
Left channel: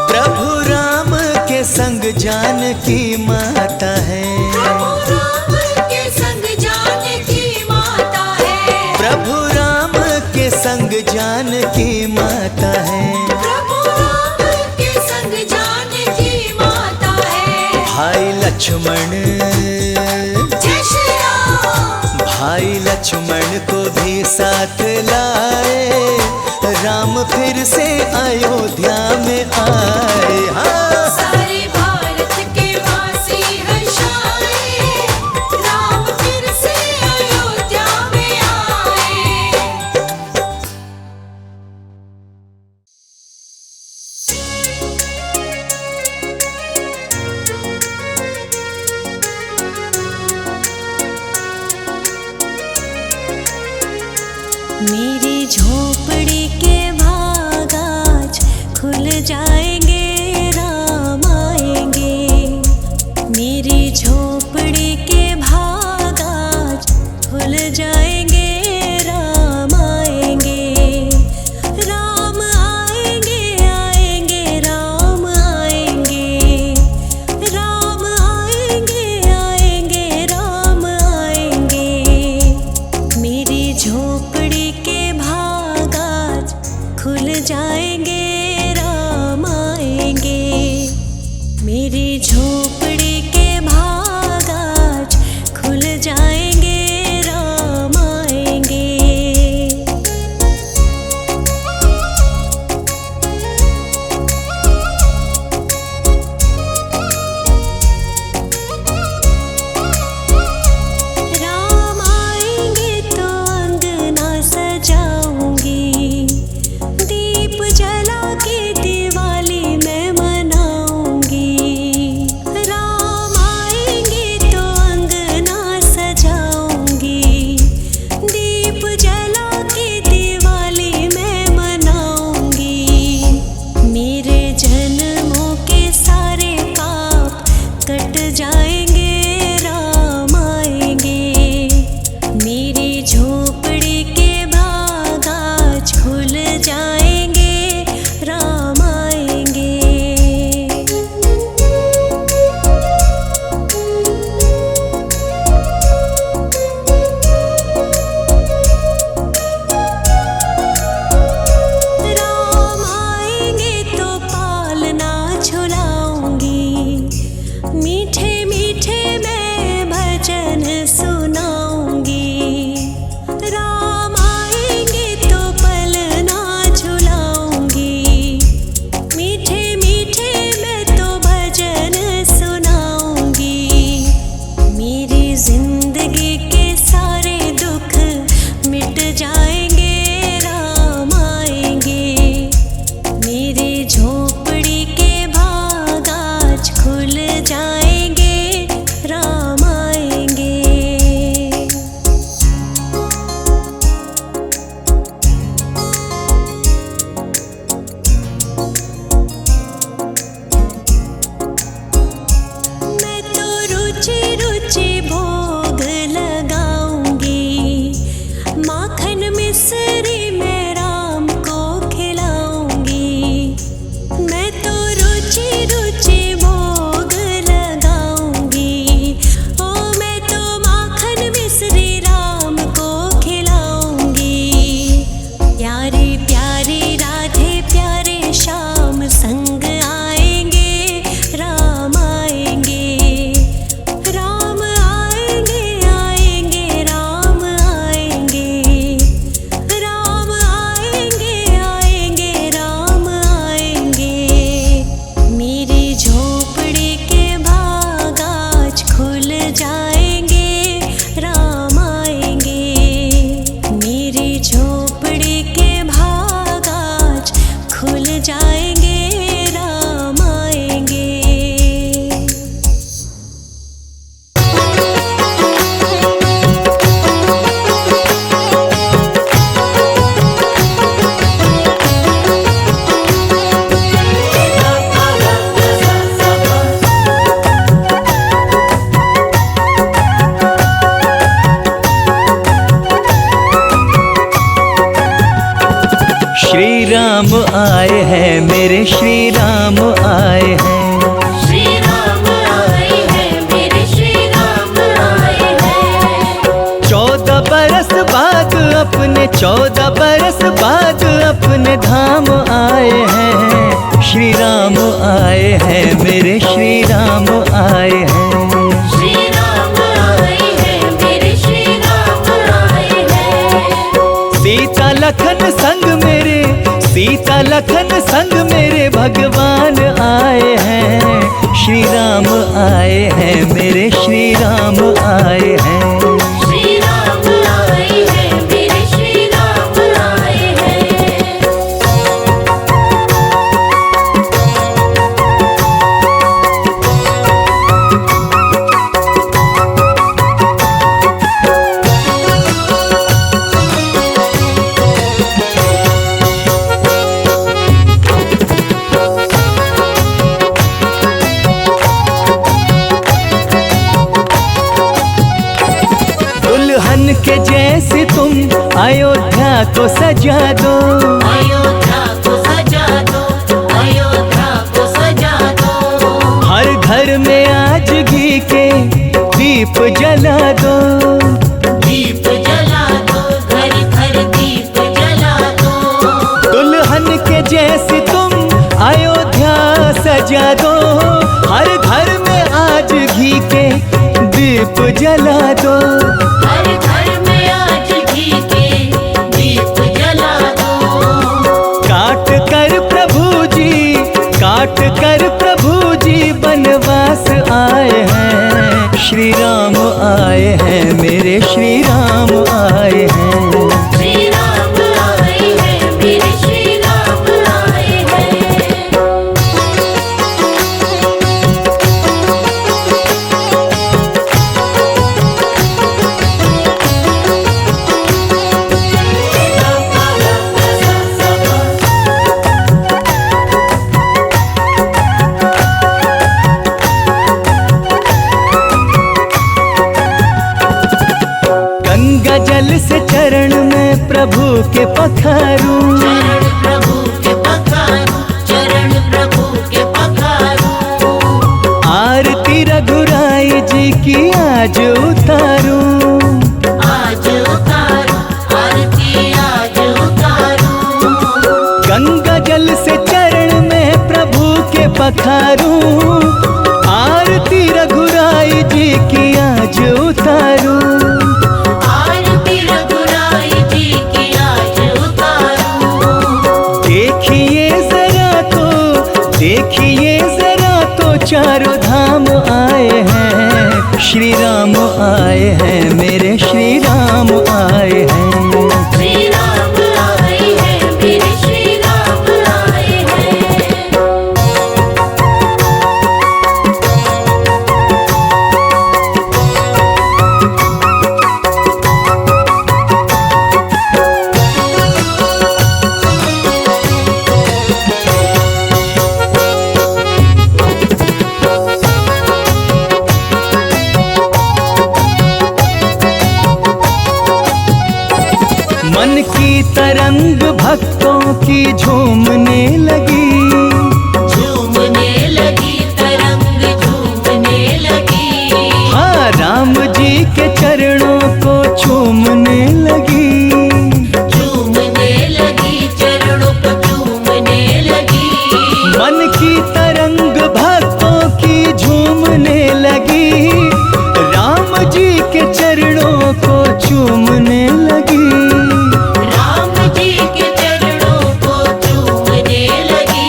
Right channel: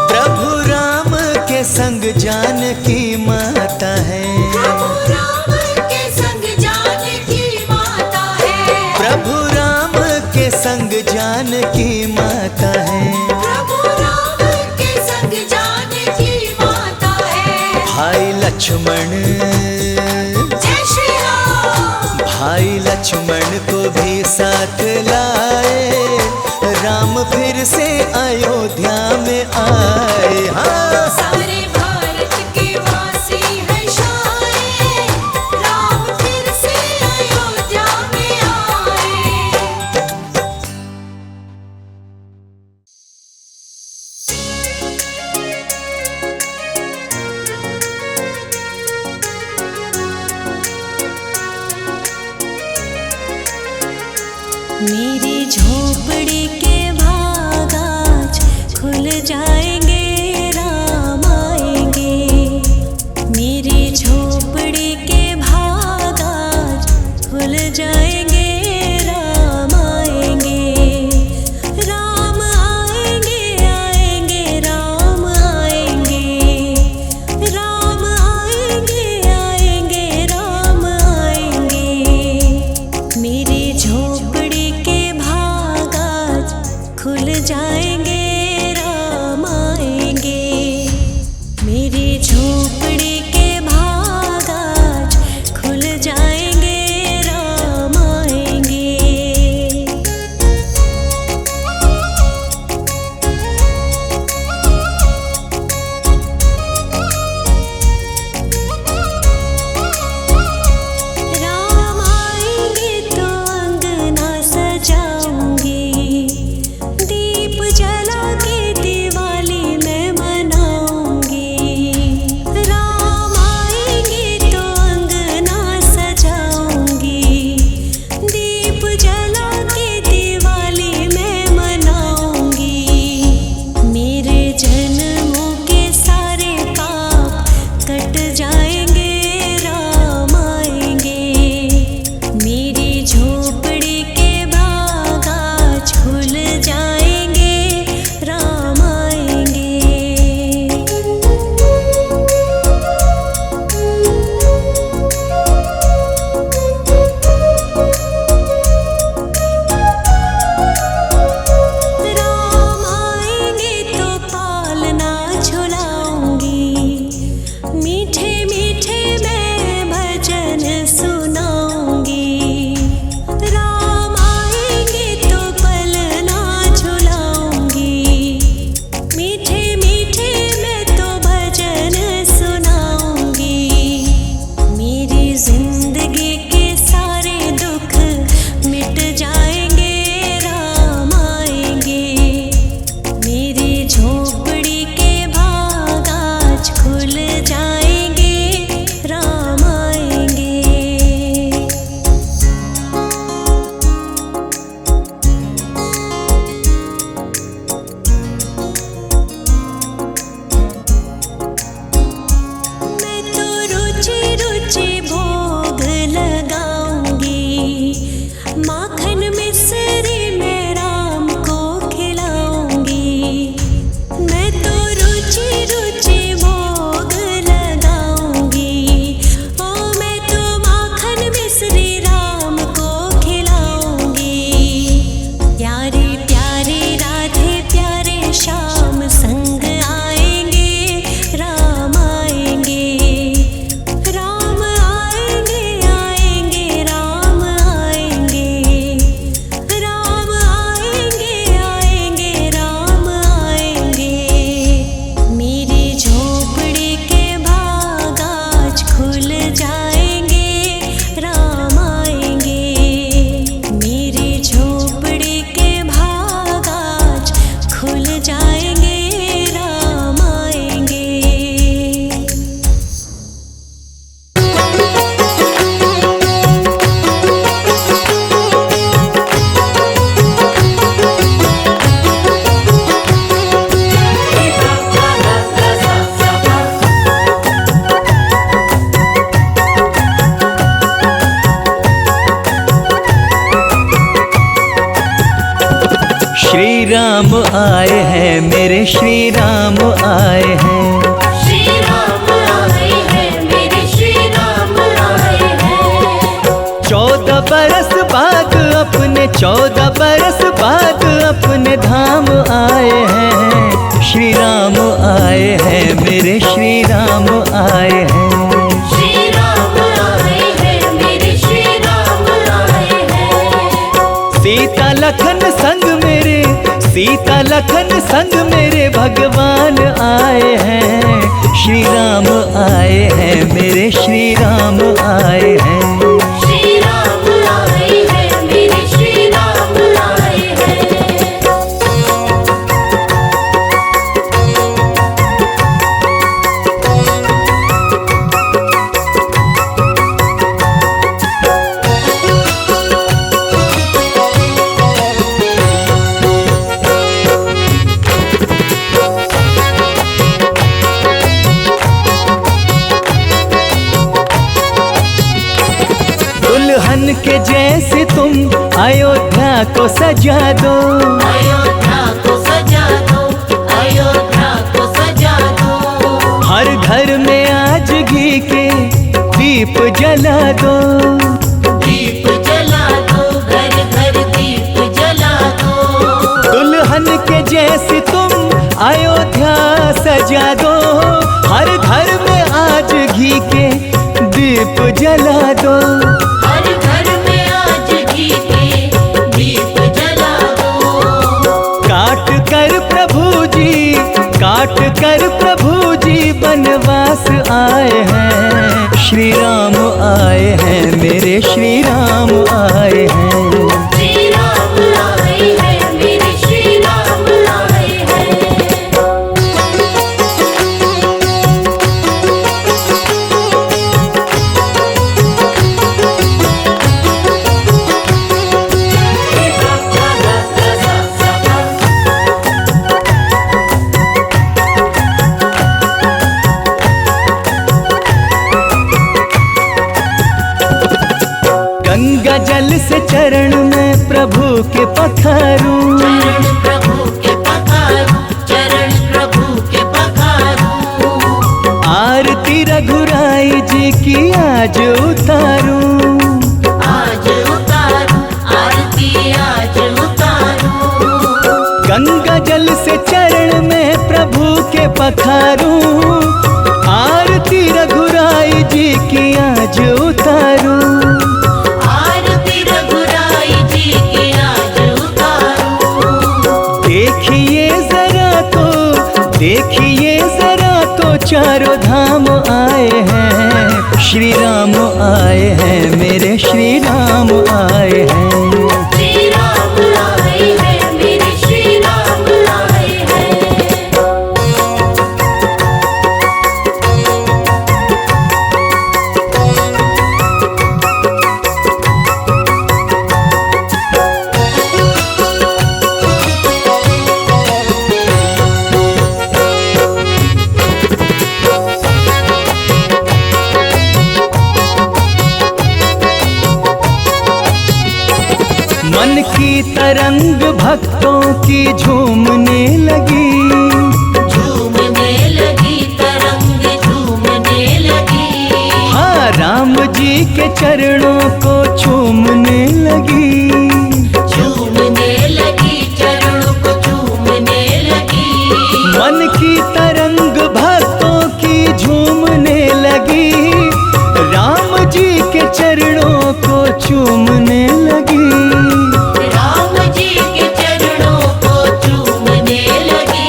प्रभु राम के संग जानकी माता है। प्रभु राम के संग जानकी माता है। प्रभु राम के संग जानकी माता है। प्रभु राम के संग जानकी माता है। भाई लक्ष्मण, जय श्री राम। भाई लक्ष्मण को भी साथ लाए, राम फिर से अयोध्या में आए। हाँ सारे भारत के वासी हर्षाए, राम फिर से अयोध्या में आए। मेरी झोपड़ी के भाग आज खुल जाएंगे, राम आएंगे। मेरी झोपड़ी के भाग आज खुल जाएंगे, राम आएंगे। राम आएंगे, आएंगे, राम आएंगे। राम आएंगे, आएंगे, राम आएंगे। मेरी झोपड़ी के भाग आज खुल जाएंगे, राम आएंगे। मेरी झोपड़ी के भाग आज खुल जाएंगे, राम आएंगे। राम आएंगे तो अंगना सजाऊंगी, दीप जला के दिवाली मैं मनाऊंगी। राम आएंगे तो अंगना सजाऊंगी, दीप जला के दिवाली मैं मनाऊंगी। मेरे जन्मों के सारे पाप कट जाएंगे, राम आएंगे। मेरी झोपड़ी के भाग आज खुल जाएंगे, राम आएंगे। राम आएंगे तो पालना झुलाऊंगी, मीठे रुचि भोग लगाऊंगी। माखन मिश्री मैं राम को खिलाऊंगी। मैं तो रुचि रुचि भोग लगाऊंगी। ओ मैं तो माखन मिश्री राम को खिलाऊंगी। प्यारे प्यारे राधे प्यारे श्याम संग आएंगे, राम आएंगे। राम आएंगे आएंगे राम आएंगे। राम आएंगे आएंगे राम आएंगे। मेरी झोपड़ी के भाग आज खुल जाएंगे, राम आएंगे। मेरी झोपड़ी के भाग आज खुल जाएंगे, राम आएंगे। श्री राम आए हैं, मेरे श्री राम आए हैं। श्री राम आए हैं, मेरे श्री राम आए हैं। 14 बरस बाद अपने 14 बरस बाद अपने धाम आए हैं। श्री राम आए हैं, मेरे श्री राम आए हैं। श्री राम आए हैं, मेरे श्री राम आए हैं। सीता लखन संग मेरे, सीता लखन संग मेरे भगवान आए हैं। श्री राम आए हैं, मेरे श्री राम आए हैं। श्री राम आए हैं, मेरे श्री राम आए हैं। दुल्हन के जैसे तुम अयोध्या को सजा दो। अयोध्या को सजा दो, अयोध्या को सजा दो। हर घर में आज घी के दीप जला दो। दीप जला दो, घर घर दीप जला दो। दुल्हन के जैसे तुम अयोध्या सजा दो। हर घर में आज घी के दीप जला दो। हर घर में आज घी के दीप जला दो। काट कर प्रभु जी, काट कर प्रभु जी बनवास आए हैं। श्री राम आए हैं, मेरे श्री राम आए हैं। श्री राम आए हैं, मेरे श्री राम आए हैं। गंगा जल से चरण में प्रभु के पखारूं। चरण प्रभु के पखारूं, चरण प्रभु के पखारूं। आरती रघुराई जी की आज उतारूं। आज उतारूं, आरती आज उतारूं। गंगा जल से चरण में प्रभु के पखारूं। आरती रघुराई जी की आज उतारूं। आरती रघुराई जी की आज उतारूं। देखिए जरा तो, देखिए जरा तो चारों धाम आए हैं। श्री राम आए हैं, मेरे श्री राम आए हैं। श्री राम आए हैं, मेरे श्री राम आए हैं। मन की तरंग भक्तों की झूमने लगी, झूमने लगी तरंग झूमने लगी। हाँ राम जी के चरणों को चूमने लगी, झूमने लगी चरणों को चूमने लगी। मन की तरंग भक्तों की झूमने लगी, राम जी के चरणों को चूमने लगी। राम जी के चरणों को चूमने लगी।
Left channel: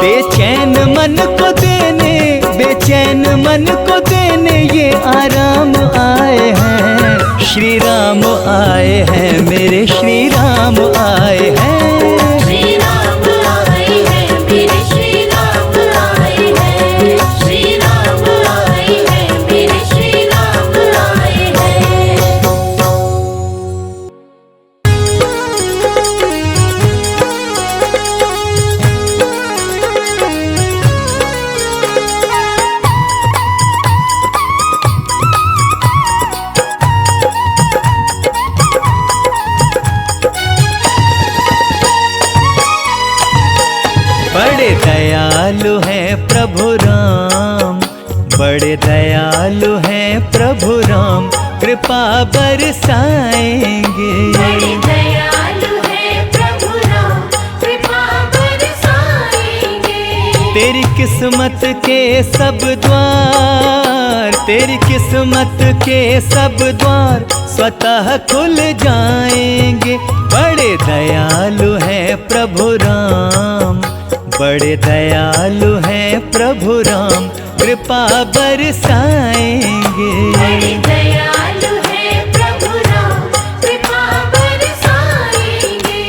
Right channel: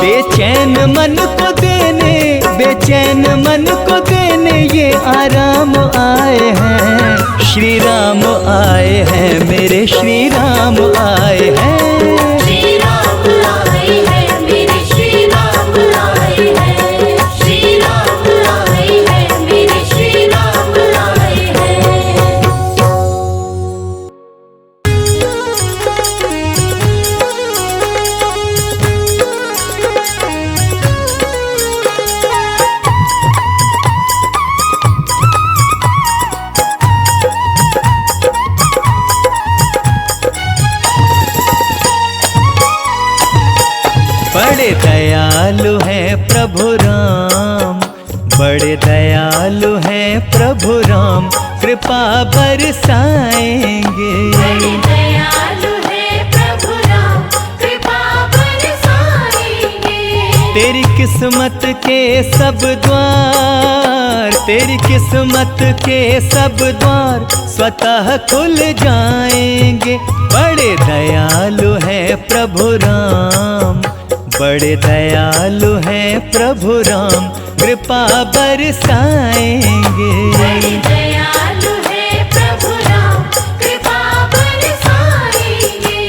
बेचैन मन को देने, बेचैन मन को देने ये आराम आए हैं, श्री राम आए हैं, मेरे श्री राम आए हैं। श्री राम आए हैं, मेरे श्री राम आए हैं। श्री राम आए हैं, मेरे श्री राम आए हैं। बड़े दयालु हैं प्रभु राम, बड़े दयालु हैं प्रभु राम, कृपा बरसाएंगे। दयालु है प्रभु राम, कृपा बरसाएंगे। तेरी किस्मत के सब द्वार, तेरी किस्मत के सब द्वार स्वतः खुल जाएंगे। बड़े दयालु हैं प्रभु राम, बड़े दयालु हैं प्रभु राम, कृपा बरसाएंगे। दयालु है प्रभु राम, कृपा बरसाएंगे।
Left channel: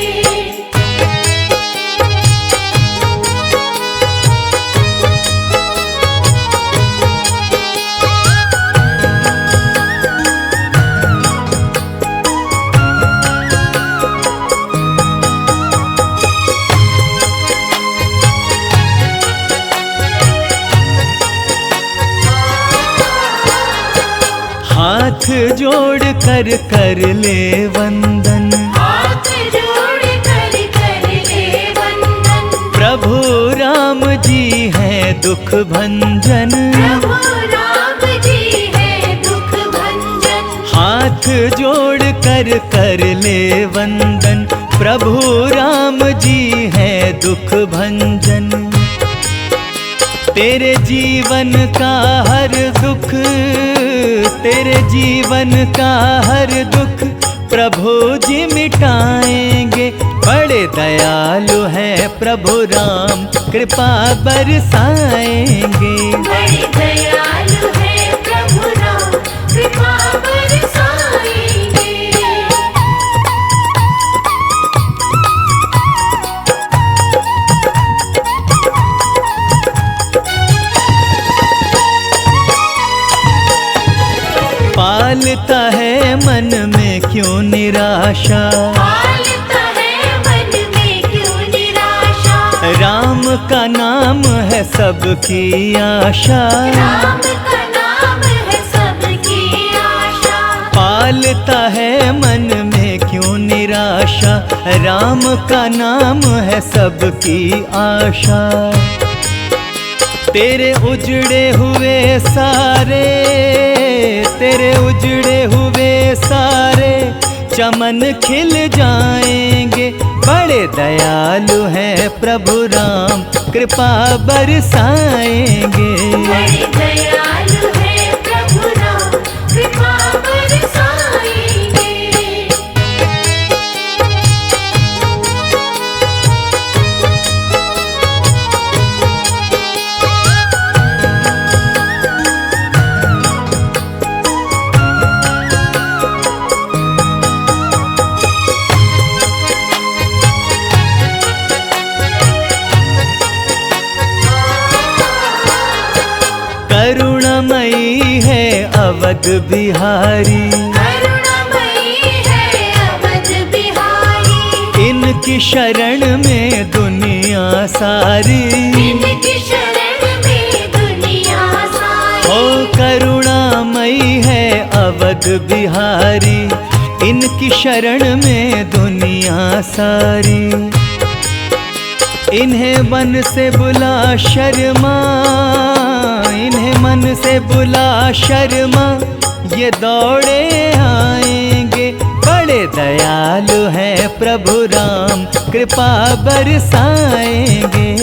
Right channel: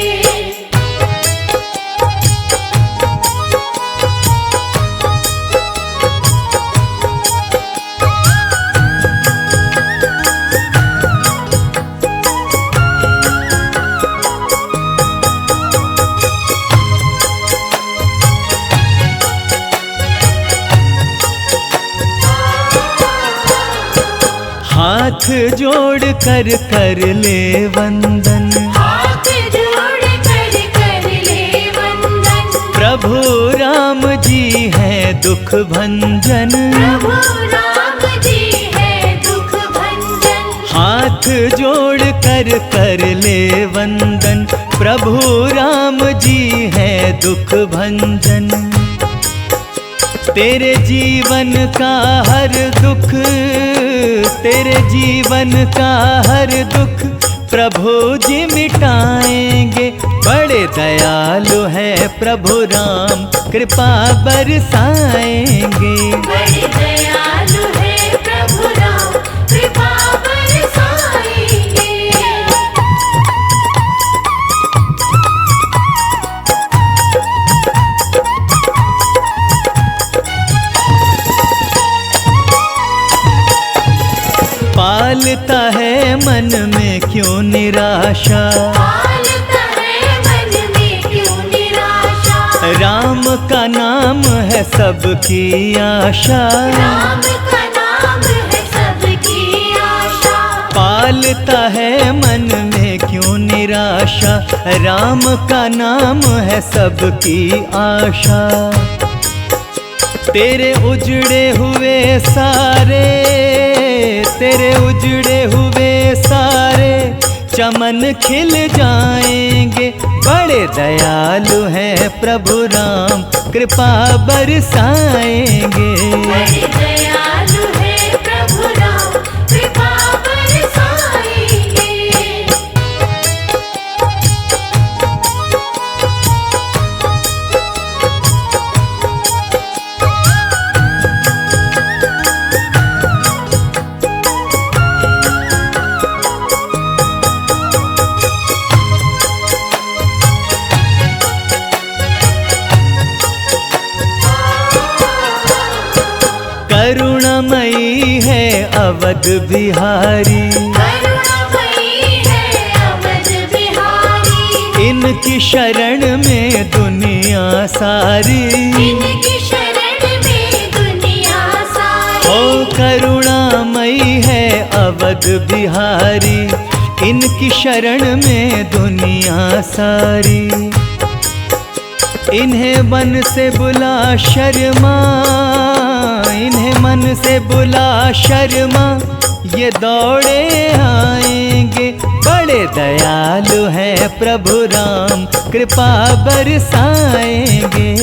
हाथ जोड़ कर कर ले वंदन, हाथ जोड़ कर कर ले वंदन। प्रभु राम जी हैं दुख भंजन। प्रभु राम जी है दुख भंजन। हाथ जोड़ कर कर ले वंदन, प्रभु राम जी हैं दुख भंजन। तेरे जीवन का हर दुख, तेरे जीवन का हर दुख प्रभु जी मिटाएंगे। बड़े दयालु हैं प्रभु राम, कृपा बरसाएंगे। बड़े दयालु है प्रभु राम, कृपा बरसाएंगे। पालता है मन में क्यों निराशा, पालता है मन में क्यों निराशा। राम का नाम है सबकी आशा। राम का नाम है सबकी आशा। पालता है मन में क्यों निराशा, राम का नाम है सबकी आशा। तेरे उजड़े हुए सारे, तेरे उजड़े हुए सारे चमन खिल जाएंगे। बड़े दयालु हैं प्रभु राम, कृपा बरसाएंगे। बड़े दयालु है प्रभु राम, कृपा बरसाएंगे। करुणामयी है अवध बिहारी, करुणामयी है अवध बिहारी। इनकी शरण में दुनिया सारी। इनकी शरण में दुनिया सारी। ओ करुणामयी है अवध बिहारी, इनकी शरण में दुनिया सारी, इन्हें मन से बुला शर्मा, इन्हें मन से बुला शर्मा, ये दौड़े आएंगे। बड़े दयालु हैं प्रभु राम, कृपा बरसाएंगे।